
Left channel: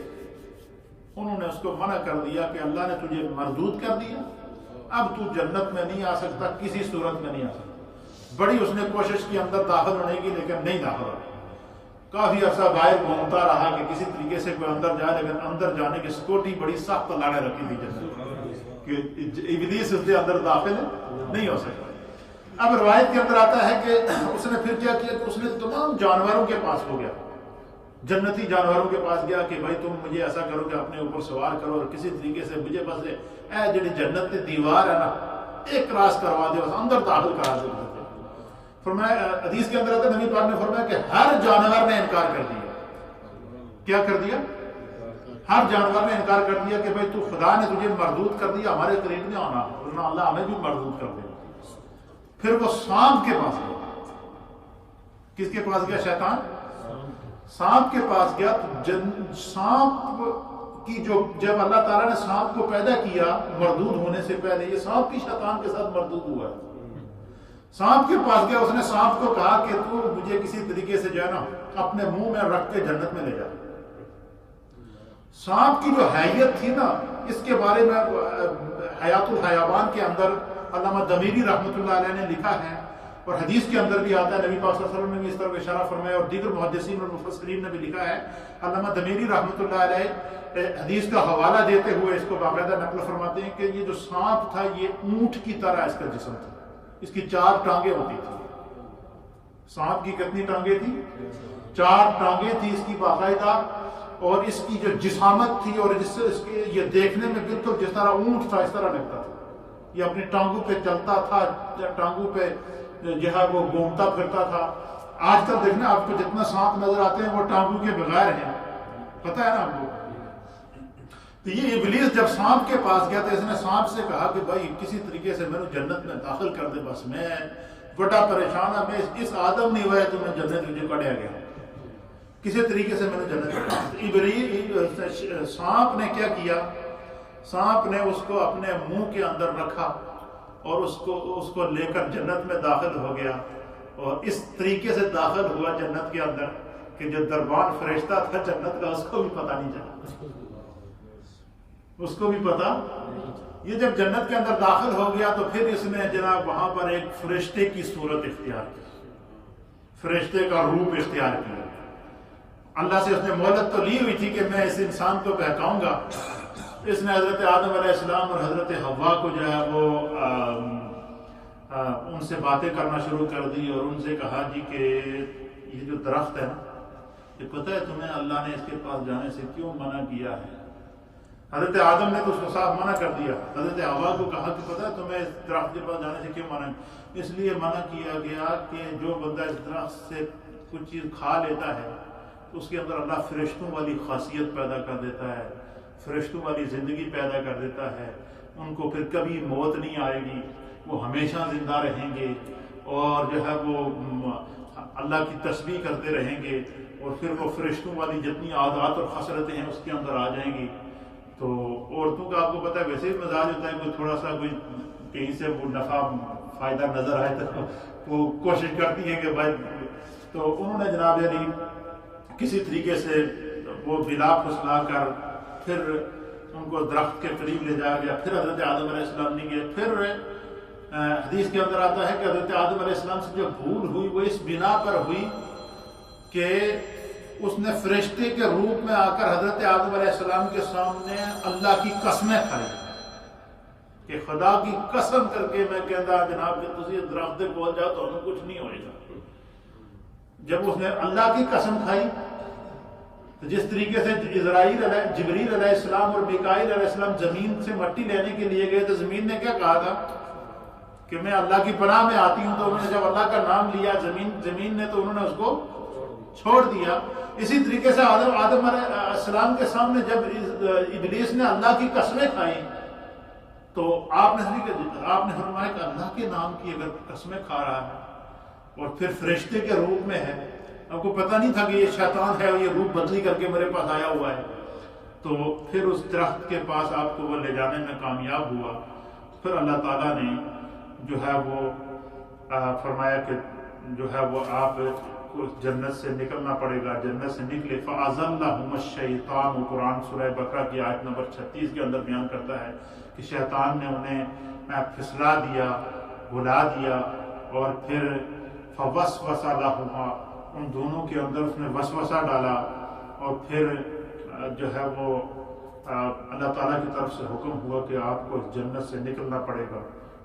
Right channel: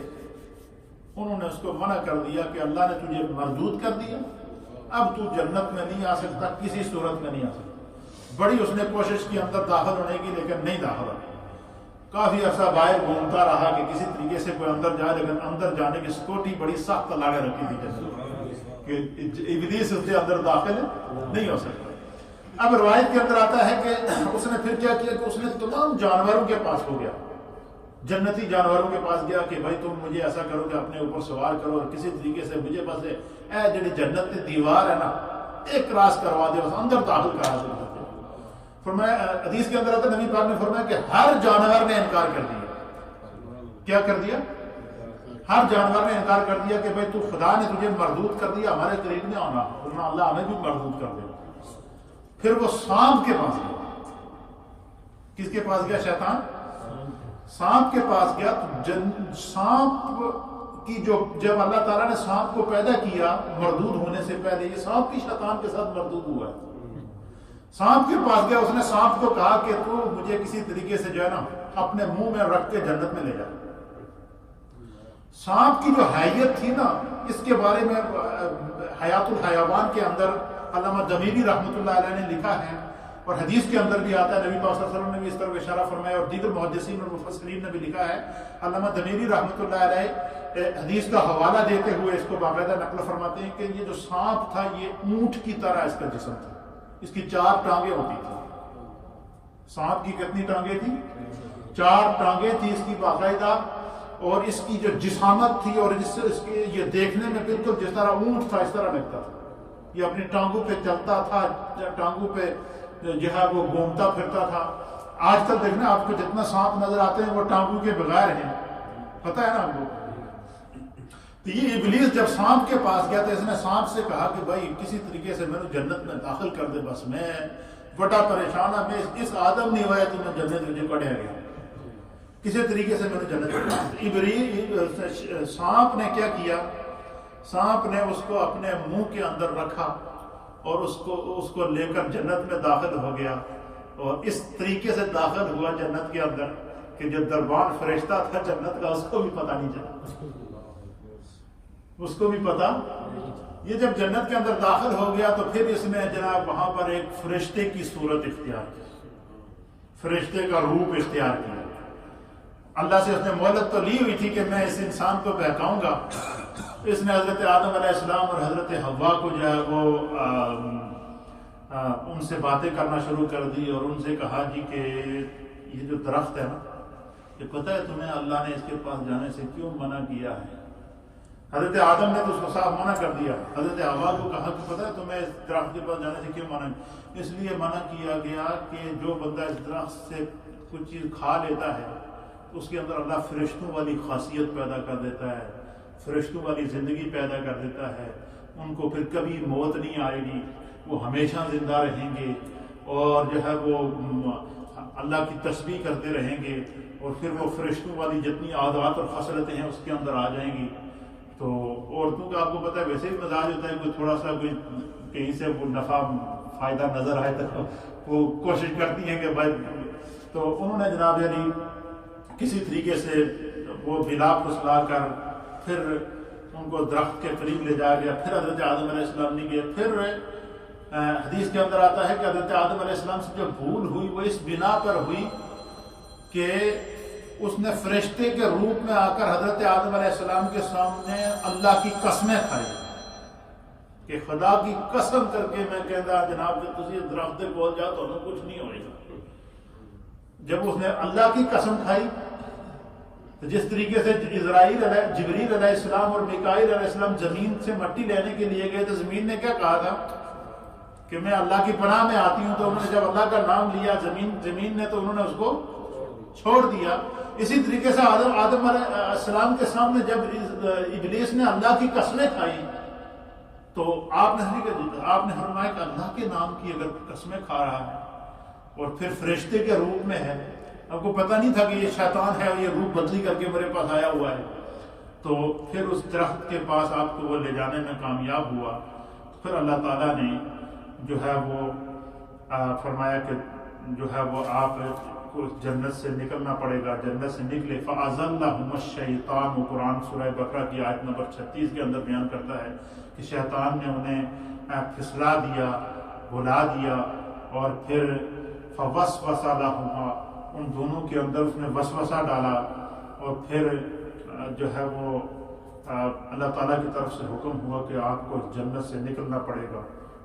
انہوں نے اس کو منع کر دیا کہ اللہ نے تجھے مردود کر دیا, اب تو جنت میں نہیں آ سکتا, کسی صورت میں نہیں آ سکتا. بڑی اس نے کوشش کی اندر داخل ہونے کی, لیکن نہیں داخل ہو. کافی عرصہ باہر گھومتا رہا کہ کسی طریقے سے کوئی اندر جائے, لیکن اندر جانے کی سکیورٹی بڑی سخت لگا رکھی تھی جنت کہ ابلیس اس کے اندر داخل نہیں ہو سکتا. اب روایت کے اندر آتا ہے کہ اس نے پھر کیا کیا کہ اس نے تمام جانوروں کے پاس ہو گیا, جنتی جانوروں کے پاس گیا کہ بھائی تم مجھے ایسا کرو کہ اپنے اوپر سوار کرو اور کسی طریقے سے مجھے بس اے جڑی جنت کی دیوار ہے نا ایک کراس کروا دے, بس اندر داخل کرا دے. فرمایا حدیث کے اندر آتا نبی پاک نے فرمایا کہ ہر جانور نے انکار کر دیا. کیا کر دیا؟ ہر جانور نے انکار کر دیا کہ بھائی تو خدا نے تجھے مردود کر دیا, ہمارے قریب نہیں آنا, ورنہ اللہ ہمیں بھی مردود کر دیا. پھر وہ سانپ کے پاس گیا. کس کے پاس گیا؟ شیطان. سانپ کے پاس گیا تو سانپ کی جب اللہ تعالیٰ نے سانپ کو پیدا کیا مردود ہونے سے پہلے, یہ سانپ بھی شیطان کے ساتھ مردود ہوا ہے. سانپ کے پاس گیا, اس نے سانپ کو کہا کہ تو مجھے کسی طریقے سے جو ہے نا اپنے منہ میں رکھ کے جنت میں لے جا. سانپ کی جو حیت تھی نا, اس کے بارے میں حیات الحیوان کے اندر علامہ دمیری رحمۃ اللہ علیہ نے لکھا ہے، اور حدیث کے اندر بھی آتا ہے، نبی پاک صلی اللہ علیہ وسلم نے بھی اس طرح اشارہ فرمایا، اور دیگر محدثین اور مفسرین نے بھی لکھا ہے۔ علامہ دمیری رحمۃ اللہ علیہ حدیث کا حوالہ دیتے ہوئے اس کو باقاعدہ نقل فرماتے ہیں کہ یہ جو سانپ تھا یہ اونٹ کی طرح اس کا جسم تھا، اس کی 4 ٹانگیں ہوتی تھی۔ سانپ کی کتنی ٹانگیں تھی؟ 4 ٹانگیں تھی اس کی باقاعدہ، اور اس کی جو جسامت تھی، اور جس سے اس کے یہ دیکھنے میں بالکل جس طرح اونٹ تھا اس طرح لگتا تھا۔ یہ اپنی ٹانگوں پہ چلتا تھا، ٹانگوں پہ جو ہے وہ گھومتا پھرتا تھا۔ آج کل دیکھنا آپ کو جتنا سانپ نظر آتے ہیں وہ ٹانگوں کے بغیر ہیں، پتہ ہے نا آپ کو۔ تو یہ ابلیس جب سانپ کے پاس گیا تو اس نے سانپ سے کہا کہ بھائی کسی طریقے سے میرے جنت میں داخل کر دے، بس میں بڑا پریشان ہوں، میں اس آدم نہیں ہوا ہے تو میں جنت مجھے کڑیا گیا، کسی طریقے سے میرے جنت۔ سانپ نے کیا کیا؟ سانپ نے اس کو اپنے منہ کے اندر رکھا اور اس کو لے کر جنت میں داخل ہو گیا، اور اس طریقے سے داخل ہوا جنت کے اندر کہ جو دربان فرشتہ تھا جنت کا اس کو بھی پتہ نہیں چلا، اس کو بھی پتہ۔ یہ جب جنت کے اندر داخل ہو گیا تو پھر اس نے جناب وہاں پر ایک فرشتے کی صورت اختیار کی، فرشتے کا روپ اختیار کیا۔ اللہ سے اس نے مہلت تو لی ہوئی تھی کہ میں اس انسان کو بہکاؤں گا۔ اس نے حضرت آدم علیہ السلام اور حضرت حوا کو جو ہے وہ ان سے باتیں کرنا شروع کر دی، اور ان سے کہا جی کہ یہ جو درخت ہے نا، یہ پتہ ہے تمہیں اللہ نے اس کے پاس جانے سے کیوں منع کیا ہے؟ حضرت آدم نے تو اس کو صاف منع کر دیا۔ حضرت حوا کو کہا کہ پتہ ہے تمہیں اس درخت کے پاس جانے سے کیوں منع؟ اس لیے منع کیا گیا کہ جو بندہ اس درخت سے کچھ چیز کھا لیتا ہے اس کے اندر اللہ فرشتوں والی خاصیت پیدا کر دیتا ہے، فرشتوں والی زندگی پیدا کر دیتا ہے، ان کو پھر کبھی موت نہیں آئے گی، وہ ہمیشہ زندہ رہیں گے، اور جو ہے وہ اللہ کی تسبیح کرتے رہیں گے، اور پھر وہ فرشتوں والی جتنی عادات اور خصلتیں ہیں اس کے اندر آ جائیں گی۔ تو عورتوں کا آپ کو پتہ ہے ویسے ہی مزاج ہوتا ہے، کوئی تھوڑا سا کوئی کہیں سے وہ نفع فائدہ نظر آئے تو وہ کوشش کرتی ہے کہ بھائی، تو انہوں نے جناب یعنی کسی طریقے سے وہ بلا پھسلا کر پھر ان کو درخت کے قریب لے جایا گیا۔ پھر حضرت آدم علیہ السلام نہیں گئے۔ پھر حدیث کے اندر آتا ہے کہ حضرت آدم علیہ السلام سے جو بھول ہوئی وہ اس بنا پر ہوئی کہ اس نے فرشتے کے روپ میں آ کر حضرت آدم علیہ السلام کے سامنے اللہ کی قسمیں کھائی کہ خدا کی قسم کر کے میں کہتا جناب کہ تسی درخت دے کول جاؤ تو کچھ نہیں ہوئے گا۔ جب اس نے اللہ کی قسم کھائی تو جس طریقے سے جبریل علیہ السلام اور میکائیل علیہ السلام زمین سے مٹی لینے کے لیے گئے تو زمین نے کیا کہا تھا کہ میں اللہ کی پناہ میں آتی ہوں، تو انہوں نے جب اللہ کا نام لیا زمین نے تو انہوں نے اس کو چھوڑ دیا۔ اسی طریقے سے آدم علیہ السلام کے سامنے جب ابلیس نے اللہ کی قسمیں کھائی تو آپ نے فرمایا کہ اللہ کے نام کی اگر قسمیں کھا رہا ہے اور پھر فرشتے کے روپ میں ہے، آپ کو پتہ نہیں تھا کہ یہ شیطان ہے اور یہ روپ بدلی کر کے میرے پاس آیا ہوا ہے، تو پھر اس درخت کے پاس آپ کو وہ لے جانے میں کامیاب ہوا۔ پھر اللہ تعالیٰ نے جو ہے وہ فرمایا کہ جو ہے وہ آپ کو جنت سے نکلنا پڑے گا، جنت سے نکلے۔ فَأَزَلَّهُمُ الشَّيْطَانُ، وہ قرآن سورہ بقرہ کی آیت نمبر 36 کے اندر بیان کرتا ہے کہ شیطان نے انہیں پھسلا دیا، بھلا دیا، اور پھر فَوَسْوَسَ لَهُمَا، ان دونوں کے اندر اس نے وسوسہ ڈالا، اور پھر جو ہے وہ اللہ تعالیٰ کی طرف سے حکم ہوا کہ آپ کو جنت سے نکلنا پڑے گا،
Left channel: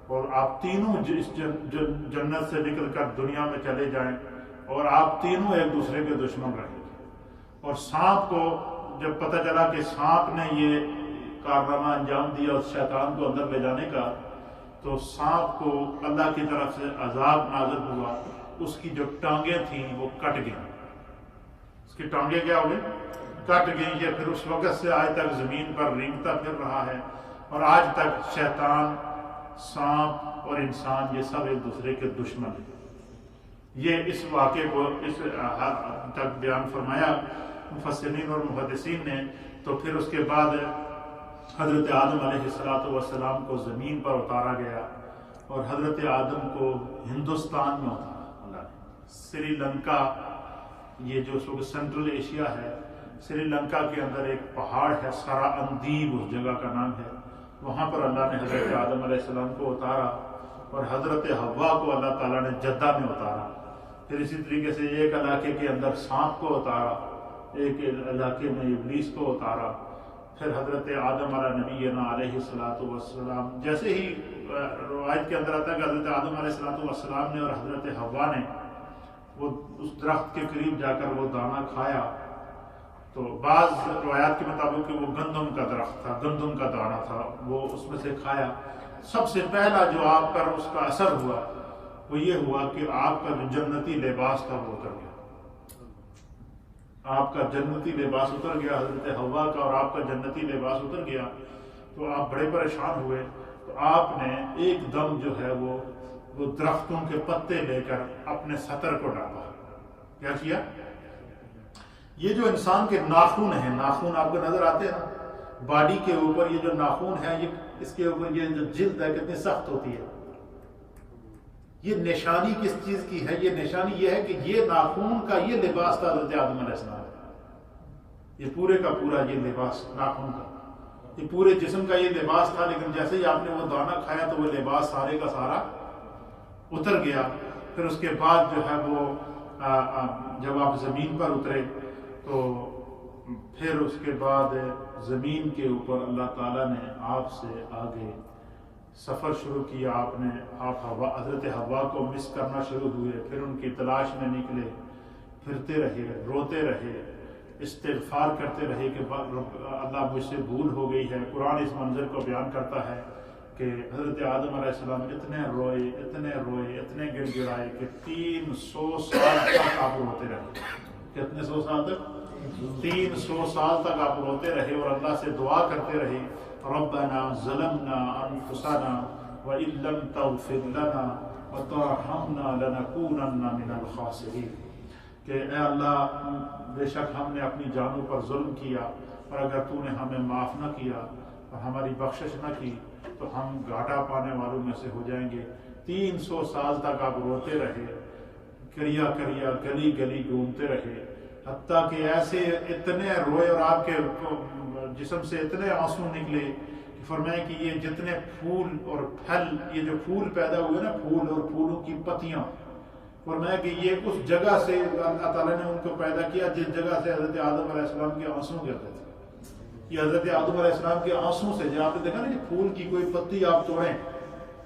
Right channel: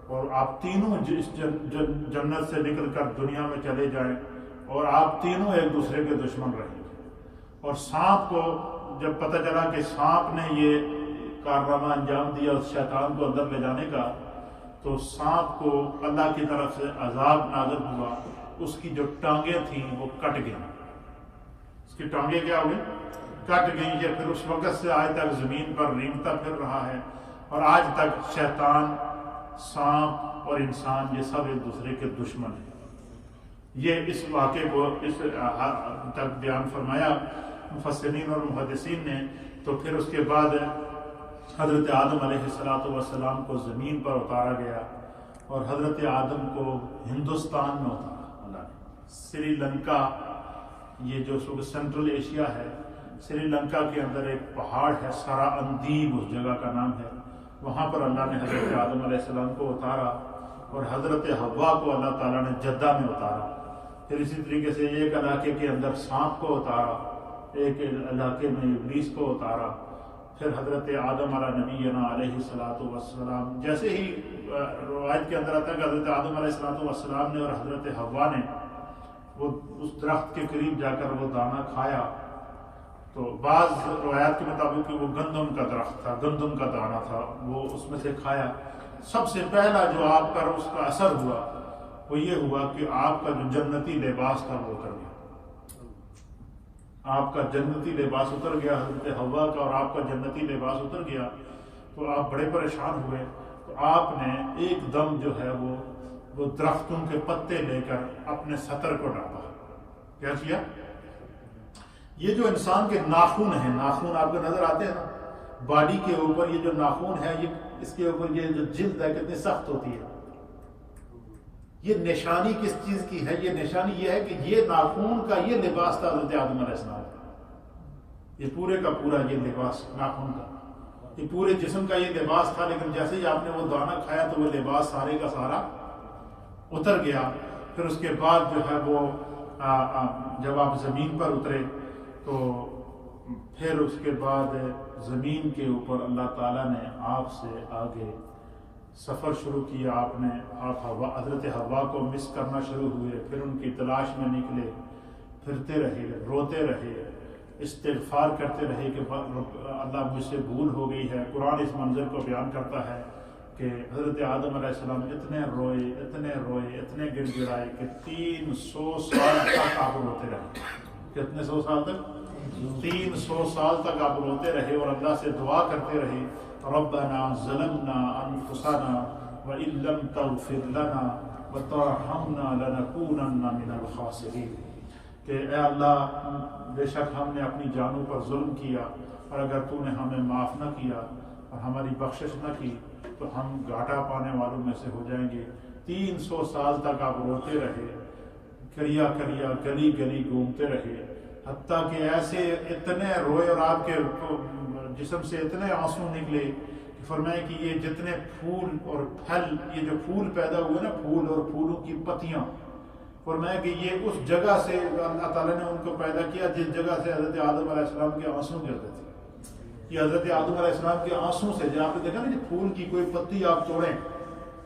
اور آپ تینوں جنت سے نکل کر دنیا میں چلے جائیں، اور آپ تینوں ایک دوسرے کے دشمن رہیں گے۔ اور سانپ کو جب پتہ چلا کہ سانپ نے یہ کارنامہ انجام دیا اس شیطان کو اندر لے جانے کا، تو سانپ کو اللہ کی طرف سے عذاب نازل ہوا، اس کی جو ٹانگیں تھیں وہ کٹ گئیں، اس کی ٹانگیں کیا ہوئی؟ کٹ گئیں۔ یہ پھر اس وقت سے آج تک زمین پر رینگتا پھر رہا ہے، اور آج تک شیطان، سانپ اور انسان یہ سب ایک دوسرے کے دشمن ہیں۔ یہ اس واقعے کو اس حد تک بیان فرمایا مفسرین اور محدثین نے۔ تو پھر اس کے بعد حضرت آدم علیہ السلام کو زمین پر اتارا گیا، اور حضرت آدم کو ہندوستان میں اتارا اللہ نے۔ سری لنکا، یہ جو سینٹرل ایشیا ہے، سری لنکا کے اندر ایک پہاڑ ہے سرا اندیب اس جگہ کا نام ہے، وہاں پر اللہ نے حضرت آدم علیہ السلام کو اتارا، اور حضرت حوا کو اللہ تعالیٰ نے جدہ میں اتارا. پھر اسی طریقے سے ایک علاقے کے اندر سانپ کو اتارا، ایک علاقے میں ابلیس کو اتارا. پھر حضرت آدم علیہ نبینا علیہ الصلوۃ والسلام، جیسے ہی روایت کے اندر آتا ہے کہ حضرت آدم علیہ الصلوۃ والسلام نے اور حضرت حوا نے وہ اس درخت کے قریب جا کر وہ دانہ کھایا، تو بعض روایات کے مطابق کہ وہ گندم کا درخت تھا، گندم کا دانہ تھا، وہ اس میں سے کھایا. سب سے پہلا جو آپ پر اس کا اثر ہوا وہ یہ ہوا کہ آپ کا جو جنتی لباس تھا وہ اتر گیا. آپ کا جنتی لباس اتر گیا، حضرت حوا کا اور آپ کا جنتی لباس اتر گیا. تو آپ بڑے پریشان ہوئے. تو آپ نے ایک دم جو ہے وہ درختوں کے پتے لے کر اپنے سطر کو ڈھانپا. کیا کیا؟ یہ جو انسان کے ناخن ہیں، ناخن آپ کو نظر آتے ہیں نا باڈی کے اوپر، یہ جو ناخن ہے، یہ اس کے اوپر یہ جو جلد ہے کتنی سخت ہوتی ہے. یہ نشانی کس چیز کی ہے؟ یہ نشانی یہ ہے کہ یہ ناخن کا یہ لباس تھا حضرت آدم علیہ السلام. یہ پورے کا پورا یہ لباس ناخن کا، یہ پورے جسم کا یہ لباس تھا. لیکن جیسے ہی آپ نے وہ دانہ کھایا تو وہ لباس سارے کا سارا اتر گیا. پھر اس کے بعد جو ہے وہ جب آپ زمین پر اترے تو پھر اس کے بعد زمین کے اوپر اللہ تعالیٰ نے آپ سے آگے سفر شروع کیا. آپ حضرت حوا کو مس کرنا شروع ہوئے. پھر ان کی تلاش میں نکلے، پھرتے رہے، روتے رہے، استغفار کرتے رہے کہ اللہ مجھ سے بھول ہو گئی ہے. قرآن اس منظر کو بیان کرتا ہے کہ حضرت آدم علیہ السلام اتنے روئے، اتنے گڑ گڑائے کہ 300 سال تک آپ روتے رہے. کتنے 100 سال تک؟ 300 سال تک آپ روتے رہے اور اللہ سے دعا کرتے رہے، ربنا ظلمنا انفسنا وان لم تغفر لنا وترحمنا لنکونن من الخاسرین. کہ اے اللہ بے شک ہم نے اپنی جانوں پر ظلم کیا، اور اگر تو نے ہمیں معاف نہ کیا اور ہماری بخشش نہ کی تو ہم گھاٹا پانے والوں میں سے ہو جائیں گے. 300 سال تک آپ روتے رہے، کریا گلی گلی گھومتے رہے، حتیٰ کہ ایسے اتنے روئے اور آپ کے جسم سے اتنے آنسو نکلے کہ فرمائے کہ یہ جتنے پھول اور پھل، یہ جو پھول پیدا ہوئے نا، پھول اور پھولوں کی پتیاں، فرمایا کہ یہ اس جگہ سے اللہ تعالیٰ نے ان کو پیدا کیا جس جگہ سے حضرت آدم علیہ السلام کے آنسو گرتے تھے. یہ حضرت آدم علیہ السلام کے آنسو سے، جب آپ نے دیکھا نا کہ پھول کی کوئی پتی آپ توڑیں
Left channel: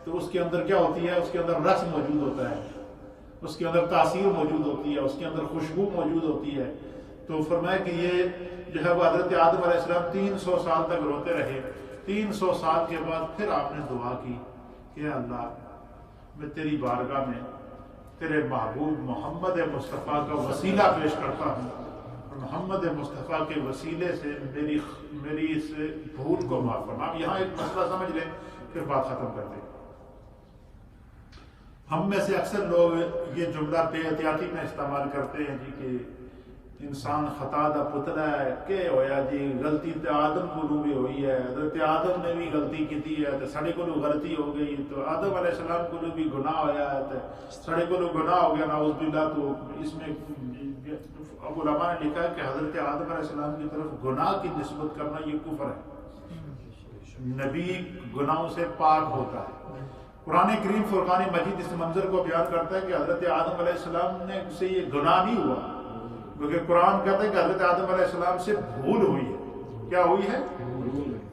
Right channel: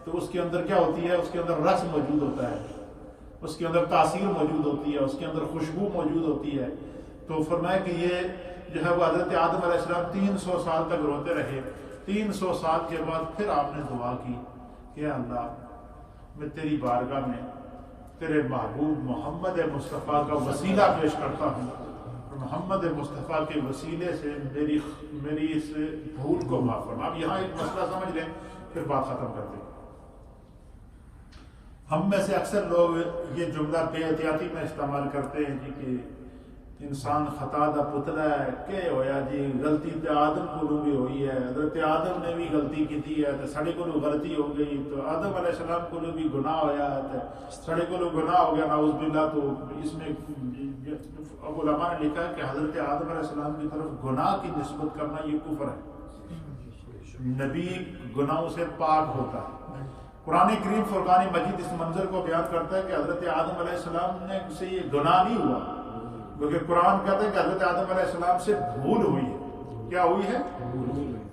تو اس کے اندر کیا ہوتی ہے؟ اس کے اندر رس موجود ہوتا ہے، اس کے اندر تاثیر موجود ہوتی ہے، اس کے اندر خوشبو موجود ہوتی ہے. تو فرمایا کہ یہ جو ہے وہ حضرت آدم علیہ السلام 300 سال تک روتے رہے. 300 سال کے بعد پھر آپ نے دعا کی کہ اللہ میں تیری بارگاہ میں تیرے محبوب محمد مصطفیٰ کا وسیلہ پیش کرتا ہوں، اور محمد مصطفیٰ کے وسیلے سے میری اس بھول کو معاف فرما. اب یہاں ایک مسئلہ سمجھ لیں پھر بات ختم کر دیں. ہم میں سے اکثر لوگ یہ جملہ بے احتیاطی میں استعمال کرتے ہیں جی کہ انسان خطا دا پتلا ہے، کہ ہویا جی غلطی تے آدم کو بھی ہوئی ہے، حضرت آدم نے بھی غلطی کی ہے تو سڑے کو غلطی ہو گئی، تو آدم علیہ السلام کو بھی گناہ ہویا ہے تو سڑے کو گناہ ہو گیا نعوذ باللہ. تو اس میں علماء نے لکھا ہے کہ حضرت آدم علیہ السلام کی طرف گناہ کی نسبت کرنا یہ کفر ہے. نبی گناہوں سے پاک ہوتا ہے. قرآن کریم فرقان مجید اس منظر کو بیان کرتا ہے کہ حضرت آدم علیہ السلام نے سے یہ گناہ نہیں ہوا، کیونکہ قرآن کہتا ہے کہ حضرت آدم علیہ السلام سے بھول ہوئی ہے. کیا ہوئی ہے؟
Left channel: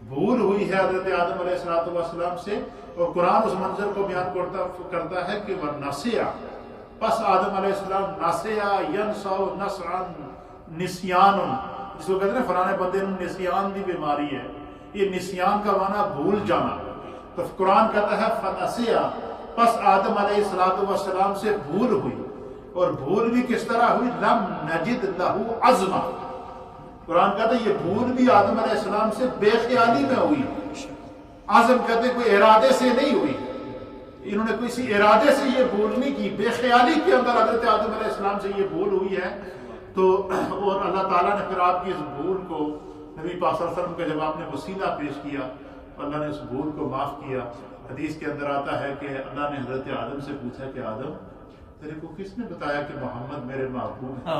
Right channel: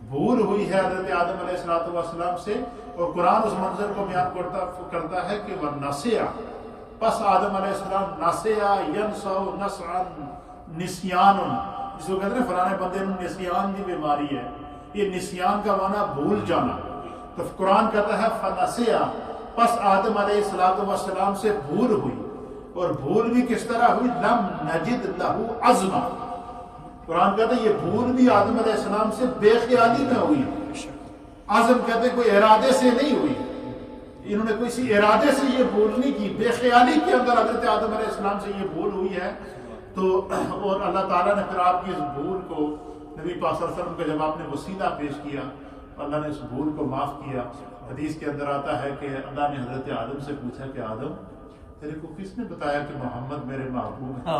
بھول ہوئی ہے حضرت آدم علیہ السلام سے. اور قرآن اس منظر کو بیان کرتا ہے کہ وہ نسیا، پس آدم علیہ السلام نسیا ینسو نسعا نسیان، جس کو کہتے ہیں فلانے بندے نے نسیان کی بیماری ہے. یہ نسیان کا معنی بھول جانا. تو قرآن کہتا ہے فنسیا، پس آدم علیہ السلام سے بھول ہوئی. اور بھول بھی کس طرح ہوئی؟ لم نجد لہو عزما. قرآن کہتا ہے یہ بھول بھی آدم علیہ السلام سے بے خیالی میں ہوئی. عزم کہتے ہیں کوئی ارادے سے نہیں ہوئی، انہوں نے کوئی ارادے سے یہ بھول نہیں کی، بے خیالی کے اندر حضرت آدم علیہ السلام سے یہ بھول ہوئی ہے. تو اور اللہ تعالیٰ نے پھر آپ کی اس بھول کو نبی پاک صلی اللہ علیہ وسلم کا جب آپ نے وسیلہ پیش کیا، اللہ نے اس بھول کو معاف کیا. حدیث کے اندر آتا ہے کہ اللہ نے حضرت آدم سے پوچھا کہ آدم تیرے کو کس نے بتایا کہ محمد میرے محبوب ہیں؟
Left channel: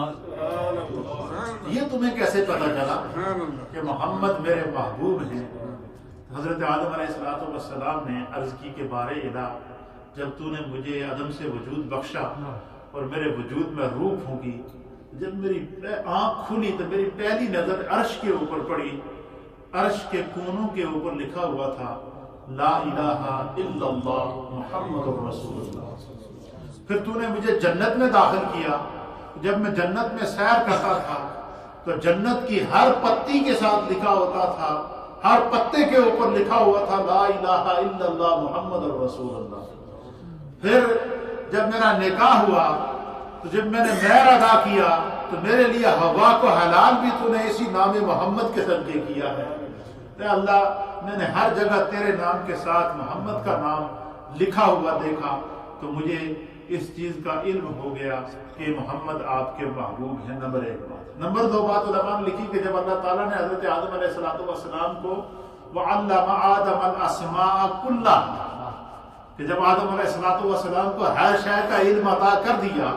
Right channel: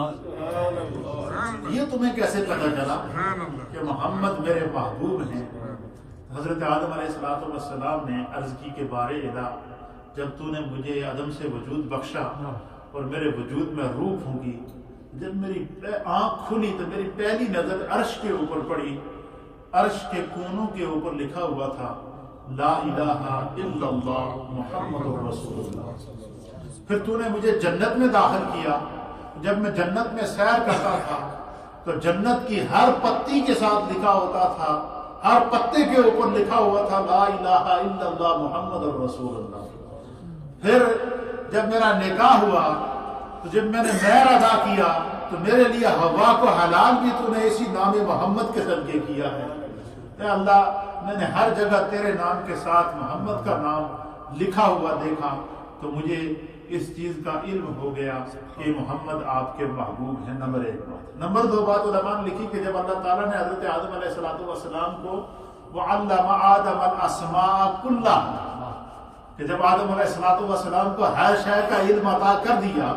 یہ تمہیں کیسے پتا چلا کہ محمد میرے محبوب ہیں؟ حضرت آدم علیہ السلام نے عرض کی کہ بارے الہ جب تو نے مجھے عدم سے وجود بخشا اور میرے وجود میں روح پھونکی، جب میری آنکھ کھلی تو میری پہلی نظر عرش کے اوپر پڑی. عرش کے کونوں کے اوپر لکھا ہوا تھا لا الہ الا اللہ محمد رسول اللہ. پھر تو نے مجھے جنت میں داخل کیا. جب میں جنت میں سیر کرتا تھا تو جنت کی ہر پتی کے ساتھ لکھا ہوتا تھا، ہر پتے کے اوپر لکھا ہوا تھا لا الہ الا اللہ محمد رسول اللہ. پھر جب میرا نکاح ہوا تو جب میں نے مہر ادا کیا تو میرے لیے ہوا کو حلال بھی تو نے اسی نام محمد کے صدقے کیا ہے. اے اللہ، میں نے ہر جگہ تیرے نام کے ساتھ محمد کا نام لکھا ہوا دیکھا تو مجھے اس چیز کا علم ہو گیا کہ محمد آپ کے محبوب ہیں. نمبر 1 بات. نمبر 2 بات علماء نے لکھی کہ جب اللہ تعالیٰ نے حضرت آدم علیہ السلام کو وَعَلَّمَ آدَمَ الْأَسْمَاءَ كُلَّهَا، کہ جب آدم علیہ السلام کو ہر شے کا علم عطا کر دیا،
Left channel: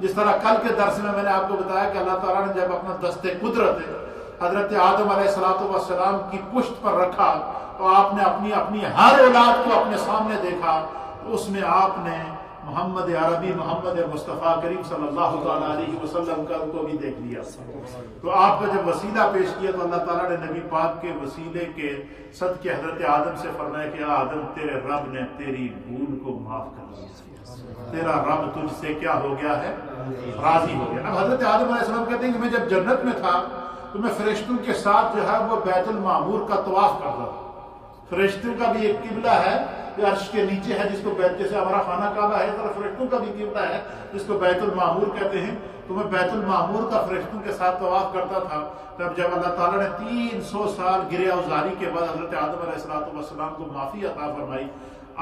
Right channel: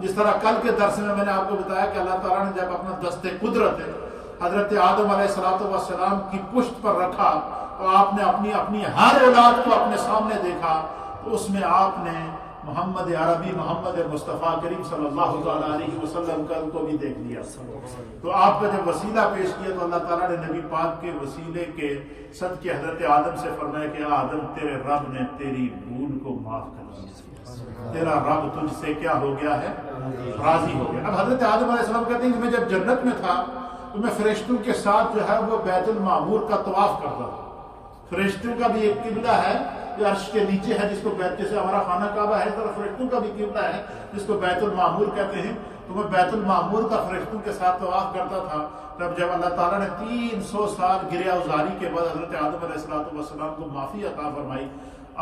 جس طرح کل کے درس میں نے آپ کو بتایا کہ اللہ تعالیٰ نے جب اپنا دست قدرت حضرت آدم علیہ السلام کی پشت پر رکھا تو آپ نے اپنی ہر اولاد کو اپنے سامنے دیکھا تو اس میں آپ نے محمد عربی، محمد مصطفیٰ کریم صلی اللہ تعالیٰ علیہ وسلم کا کو بھی دیکھ لیا. تو آپ کا جب وسیلہ پیش کیا تو اللہ تعالیٰ نے نبی پاک کے وسیلے کے صدقے حضرت آدم سے فرمایا کہ آدم تیرے رب نے تیری بھول کو معاف کر دیا، تیرا رب تجھ سے کیا ہو گیا ہے؟ راضی ہو گیا. اب حضرت آدم علیہ السلام کہتے ہیں کہ میں جب جنت میں تھا تو میں فرشتوں کے ساتھ جو ہے وہ بیت المعمور کا طواف کرتا تھا. فرشتوں کا بھی ایک قبلہ ہے یہ عرش کے نیچے ہے، جس کو بیت، جیسے ہمارا خانہ کعبہ ہے، طرح فرشتوں کا بھی قبلہ ہے جس کو بیت المعمور کہتے ہیں. تو میں بیت المعمور کا فرشتوں کے ساتھ طواف کرتا تھا. تب جب اللہ تعالیٰ نے 300 سال گریہ وزاری کے بعد حضرت آدم علیہ السلام کو معافی عطا فرمائی،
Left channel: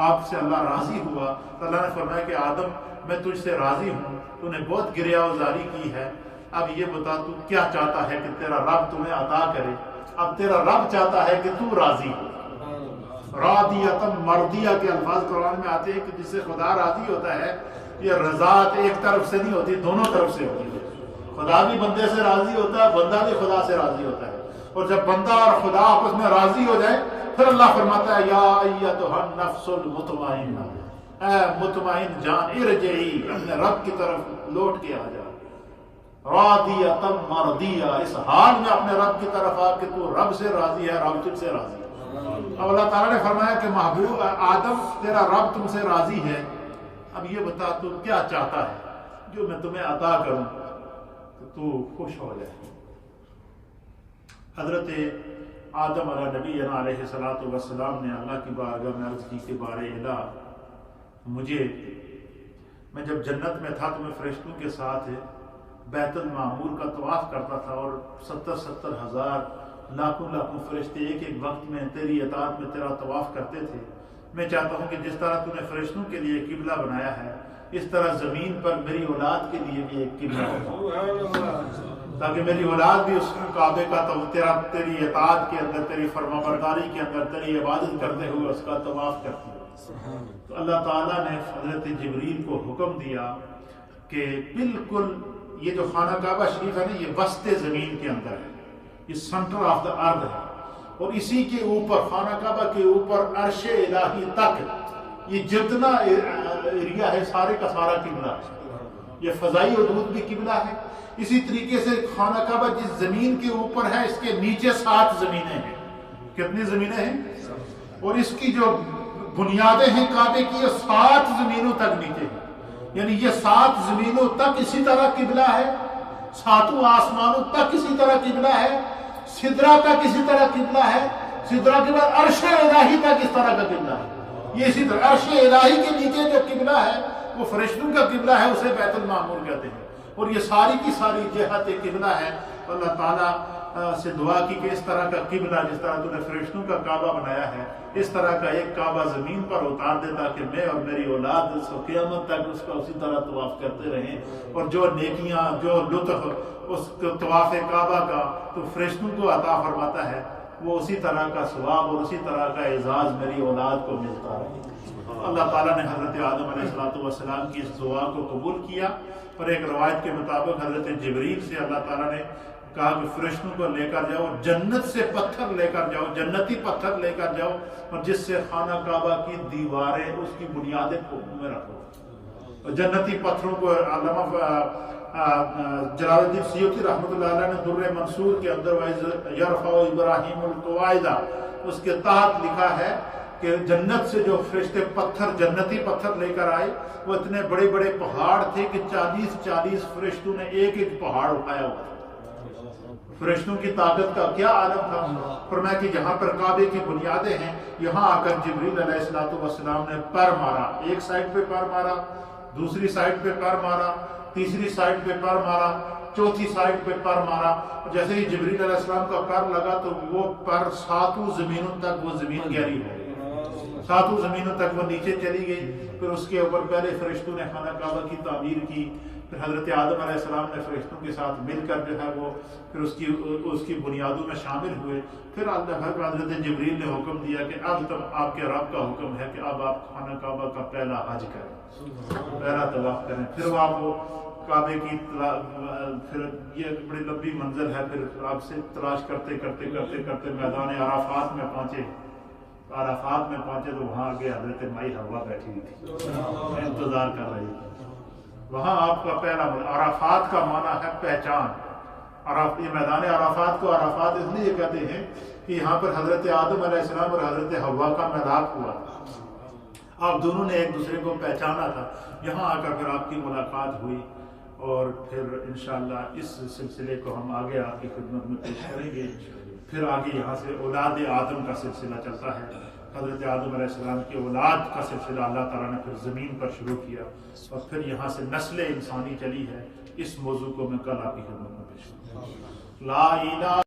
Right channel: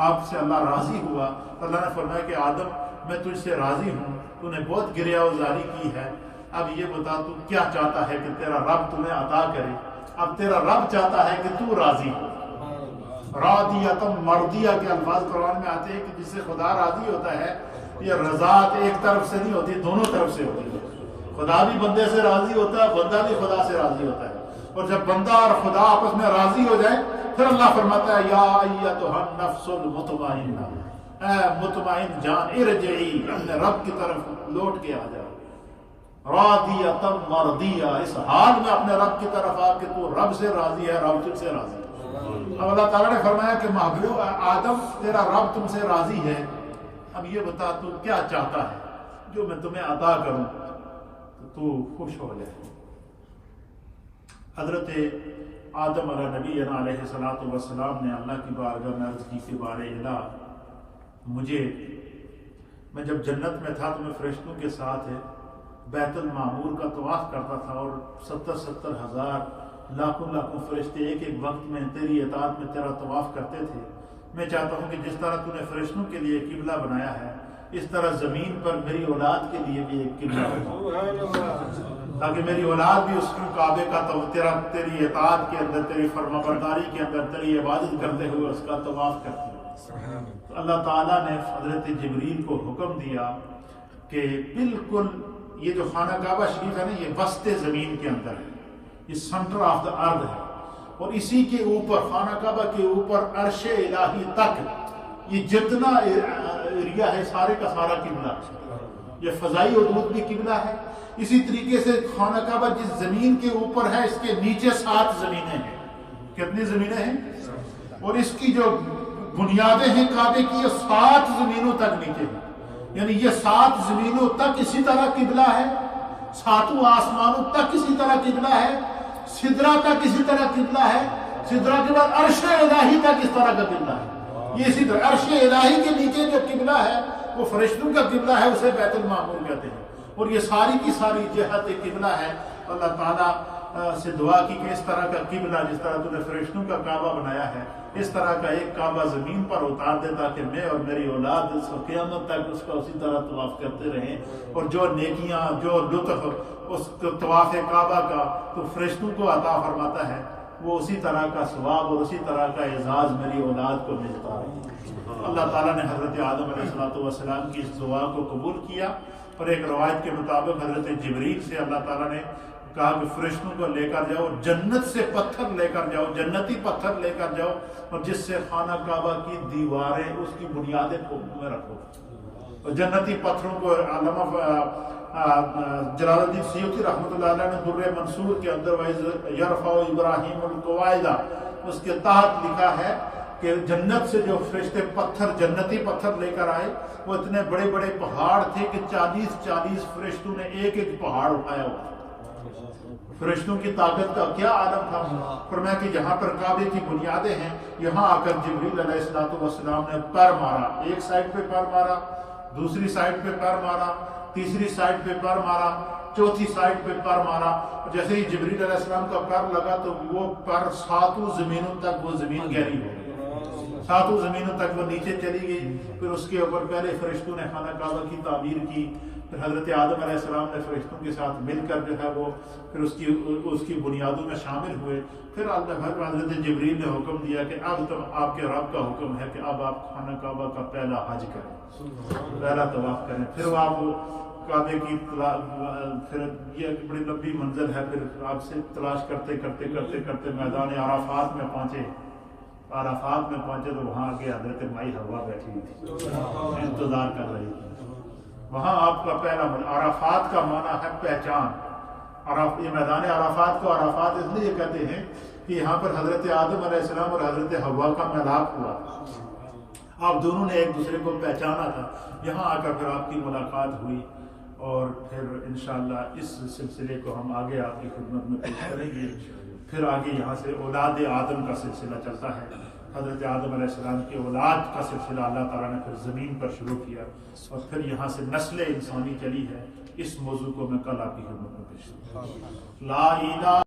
آپ سے اللہ راضی ہوا تو اللہ نے فرمایا کہ آدم میں تجھ سے راضی ہوں، تو نے بہت گریہ وزاری کی ہے، اب یہ بتا تو کیا چاہتا ہے کہ تیرا رب تمہیں عطا کرے. اب تیرا رب چاہتا ہے کہ تو راضی ہو. راضیتم مرضیہ کے الفاظ قرآن میں آتے ہیں کہ جس سے خدا راضی ہوتا ہے. یہ رضاعت ایک طرف سے نہیں ہوتی، دونوں طرف سے ہوتی ہے. خدا بھی بندے سے راضی ہوتا ہے، بندہ بھی خدا سے راضی ہوتا ہے. اور جب بندہ اور خدا آپس میں راضی ہو جائے پھر اللہ فرماتا ہے یا ایتھا النفس المطمئنہ، اے مطمئن جان ارجعی، اپنے رب کی طرف لوٹ کے آ جا. راضیتم مرضیہ، اس حال میں اپنے رب کی طرف آ کہ تو رب سے راضی ہے، رب تجھ سے راضی ہے. اب اللہ تعالیٰ نے فرمایا کہ محبوب آدم تیرا رب تم سے راضی ہے، اب یہ بتا تو کیا چاہتا ہے جو میں تمہیں عطا کروں تو خوش ہو جائے. حضرت آدم علیہ السلام نے اللہ کی بارگاہ میں عرض کی کہ بارے الہ، میں جب جنت میں تھا تو میں فرشتوں کے ساتھ بیت المعمور کا طواف کرتا تھا اور 70 ہزار لاکھوں فرشتے ایک ایک وقت میں تیری اطاعت میں تیرا طواف کرتے تھے. میں چاہتا ہوں کہ جس طرح تو نے فرشتوں کے لیے قبلہ بنایا ہے اس طرح زمین پر میری اولاد کے لیے بھی ایک قبلہ بنا، تاکہ میری اولاد بھی اس کعبے کا تیری اطاعت کے اندر، تیری فرما برداری کے اندر، تیری عبادت کرتے ہوئے اس کا طواف کرتی ہے. تو اللہ تعالیٰ نے حضرت جبریل کو حکم دیا کہ بالکل یہ جو خانہ کعبہ شریف ہے نا، یہ وسط زمین کے اندر ہے، یہ سینٹر آف دا ارتھ ہے، اور اسی کے اوپر خانہ کعبہ کے اوپر عرش الہی تک یہ جتنا ایریا ہے سارے کا سارا قبلہ ہے. یہ فضائی حدود بھی قبلہ ہے. اسی طریقے سے خانہ کعبہ جس زمین کے اوپر ہے اس کے نیچے 7 زمینیں ہیں. کتنی زمینیں ہیں؟ اور اس کی جو بنیادیں ہیں کعبے کی، یہ 7 زمینوں تک نیچے ہیں. یعنی یہ 7 زمینوں تک اسی طرح قبلہ ہے، 7 آسمانوں تک اسی طرح قبلہ ہے، سدرہ تک اسی طرح قبلہ ہے، سدرہ کے بعد عرش الہی تک اس طرح کا قبلہ ہے. یہ اسی طرح عرش الہی کے نیچے جو قبلہ ہے وہ فرشتوں کا قبلہ ہے، اسے بیت المعمور کہتے ہیں. اور یہ ساری کی ساری جہت قبلہ ہے. اللہ تعالیٰ سے دعا کی کہ اس طرح کا قبلہ جس طرح تو نے فرشتوں کا کعبہ بنایا ہے اس طرح کا ایک کعبہ زمین پر اتار دے تاکہ میں اور میری اولاد اس کو قیامت تک اس کا اسی طرح طواف کرتے رہیں. اور جو نیکیاں، جو لطف اس طواف کعبہ کا تو فرشتوں کو عطا فرماتا ہے، وہ اسی طرح کا ثواب اور اسی طرح کا اعزاز میری اولاد کو ملتا ہے. اللہ تعالیٰ نے حضرت آدم علیہ السلام کی اس دعا کو قبول کیا. اور ایک روایت کے مطابق حضرت جبریل سے اللہ تعالیٰ نے کہا کہ فرشتوں کو لے کر جاؤ، جنت سے پتھر لے کر جاؤ، جنتی پتھر لے کر جاؤ، اور جس سے خانہ کعبہ کی دیواریں اس کی بنیادیں میں رکھو۔ جنتی پتھروں کو علامہ جلال الدین سیوطی رحمۃ اللہ علیہ نے در منصور کے اندر یرفع ابراہیم القواعد اس کے تحت لکھا ہے کہ جنت سے جو فرشتے پتھر، جنتی پتھر لے کر آئے، وہ اتنے بڑے بڑے پہاڑ تھے کہ 40 فرشتوں نے ایک ایک پہاڑ اٹھایا ہوا۔ فرشتوں کی طاقت کا کیا عالم تھا۔ فرمایا کہ جہاں پر کعبے کی بنیادیں ہیں، یہاں آ کر جبریل علیہ السلام نے پیر مارا، ایک سائڈ پہ پیر مارا، دوسری سائڈ پہ پیر مارا، تیسری سائڈ پہ پیر مارا، چوتھی سائڈ پہ پیر مارا۔ جیسے ہی جبریل علیہ السلام کا پیر لگا تو وہ پیر 7 زمینوں تک، وہ زمین گہری ہو گئی، 7 زمینوں تک وہ نیچے چلی گئی۔ پھر اس کے اوپر پہلے فرشتوں نے خانہ کعبہ کی تعمیر کی، پھر حضرت آدم علیہ السلام نے فرشتوں کے ساتھ مل کر جو ہے وہ پھر اس کی بنیادوں میں شامل ہوئے۔ پھر اللہ کو حضرت جبریل نے حکم دیا کہ اب تو آپ کے رب کا حکم ہے کہ اب آپ خانہ کعبہ کا پہلا حج کریں، پہلا طواف کریں۔ پھر وہ کعبے کی پھر یہ بڑی لمبی منزل ہے، پھر آپ سے تلاش کرتے کرتے کرتے کرتے میدان عرفات میں پہنچے۔ عرفات میں پہنچے تو وہاں آگے حضرت مائی حوا بیٹھی ہوئی تھی، انتظار کر رہی تھی۔ وہاں آپ کا پہلا عرفات کا معنی ہے پہچان۔ یہ میدان عرفات کو عرفات اس لیے کہتے ہیں کہ یہاں پر حضرت آدم علیہ السلام اور حضرت حوا کا ملاپ ہوا تھا، آپ دونوں نے ایک دوسرے کو پہچانا تھا۔ یہاں آ کر پھر آپ کی ملاقات ہوئی، اور پھر انشاءاللہ اس سلسلے کو ہم آگے آپ کی خدمت میں پیش کریں گے۔ پھر آگے یہاں سے اولاد آدم کا سلسلہ چلتا ہے، حضرت آدم علیہ السلام کی اولاد کا سلسلہ اللہ تعالیٰ نے پھر زمین پر شروع کیا، اور پھر یہاں سے نسل انسانی چلی ہے۔ اس موضوع کو میں کل آپ کی خدمت میں پیش کروں گا۔ لا الہ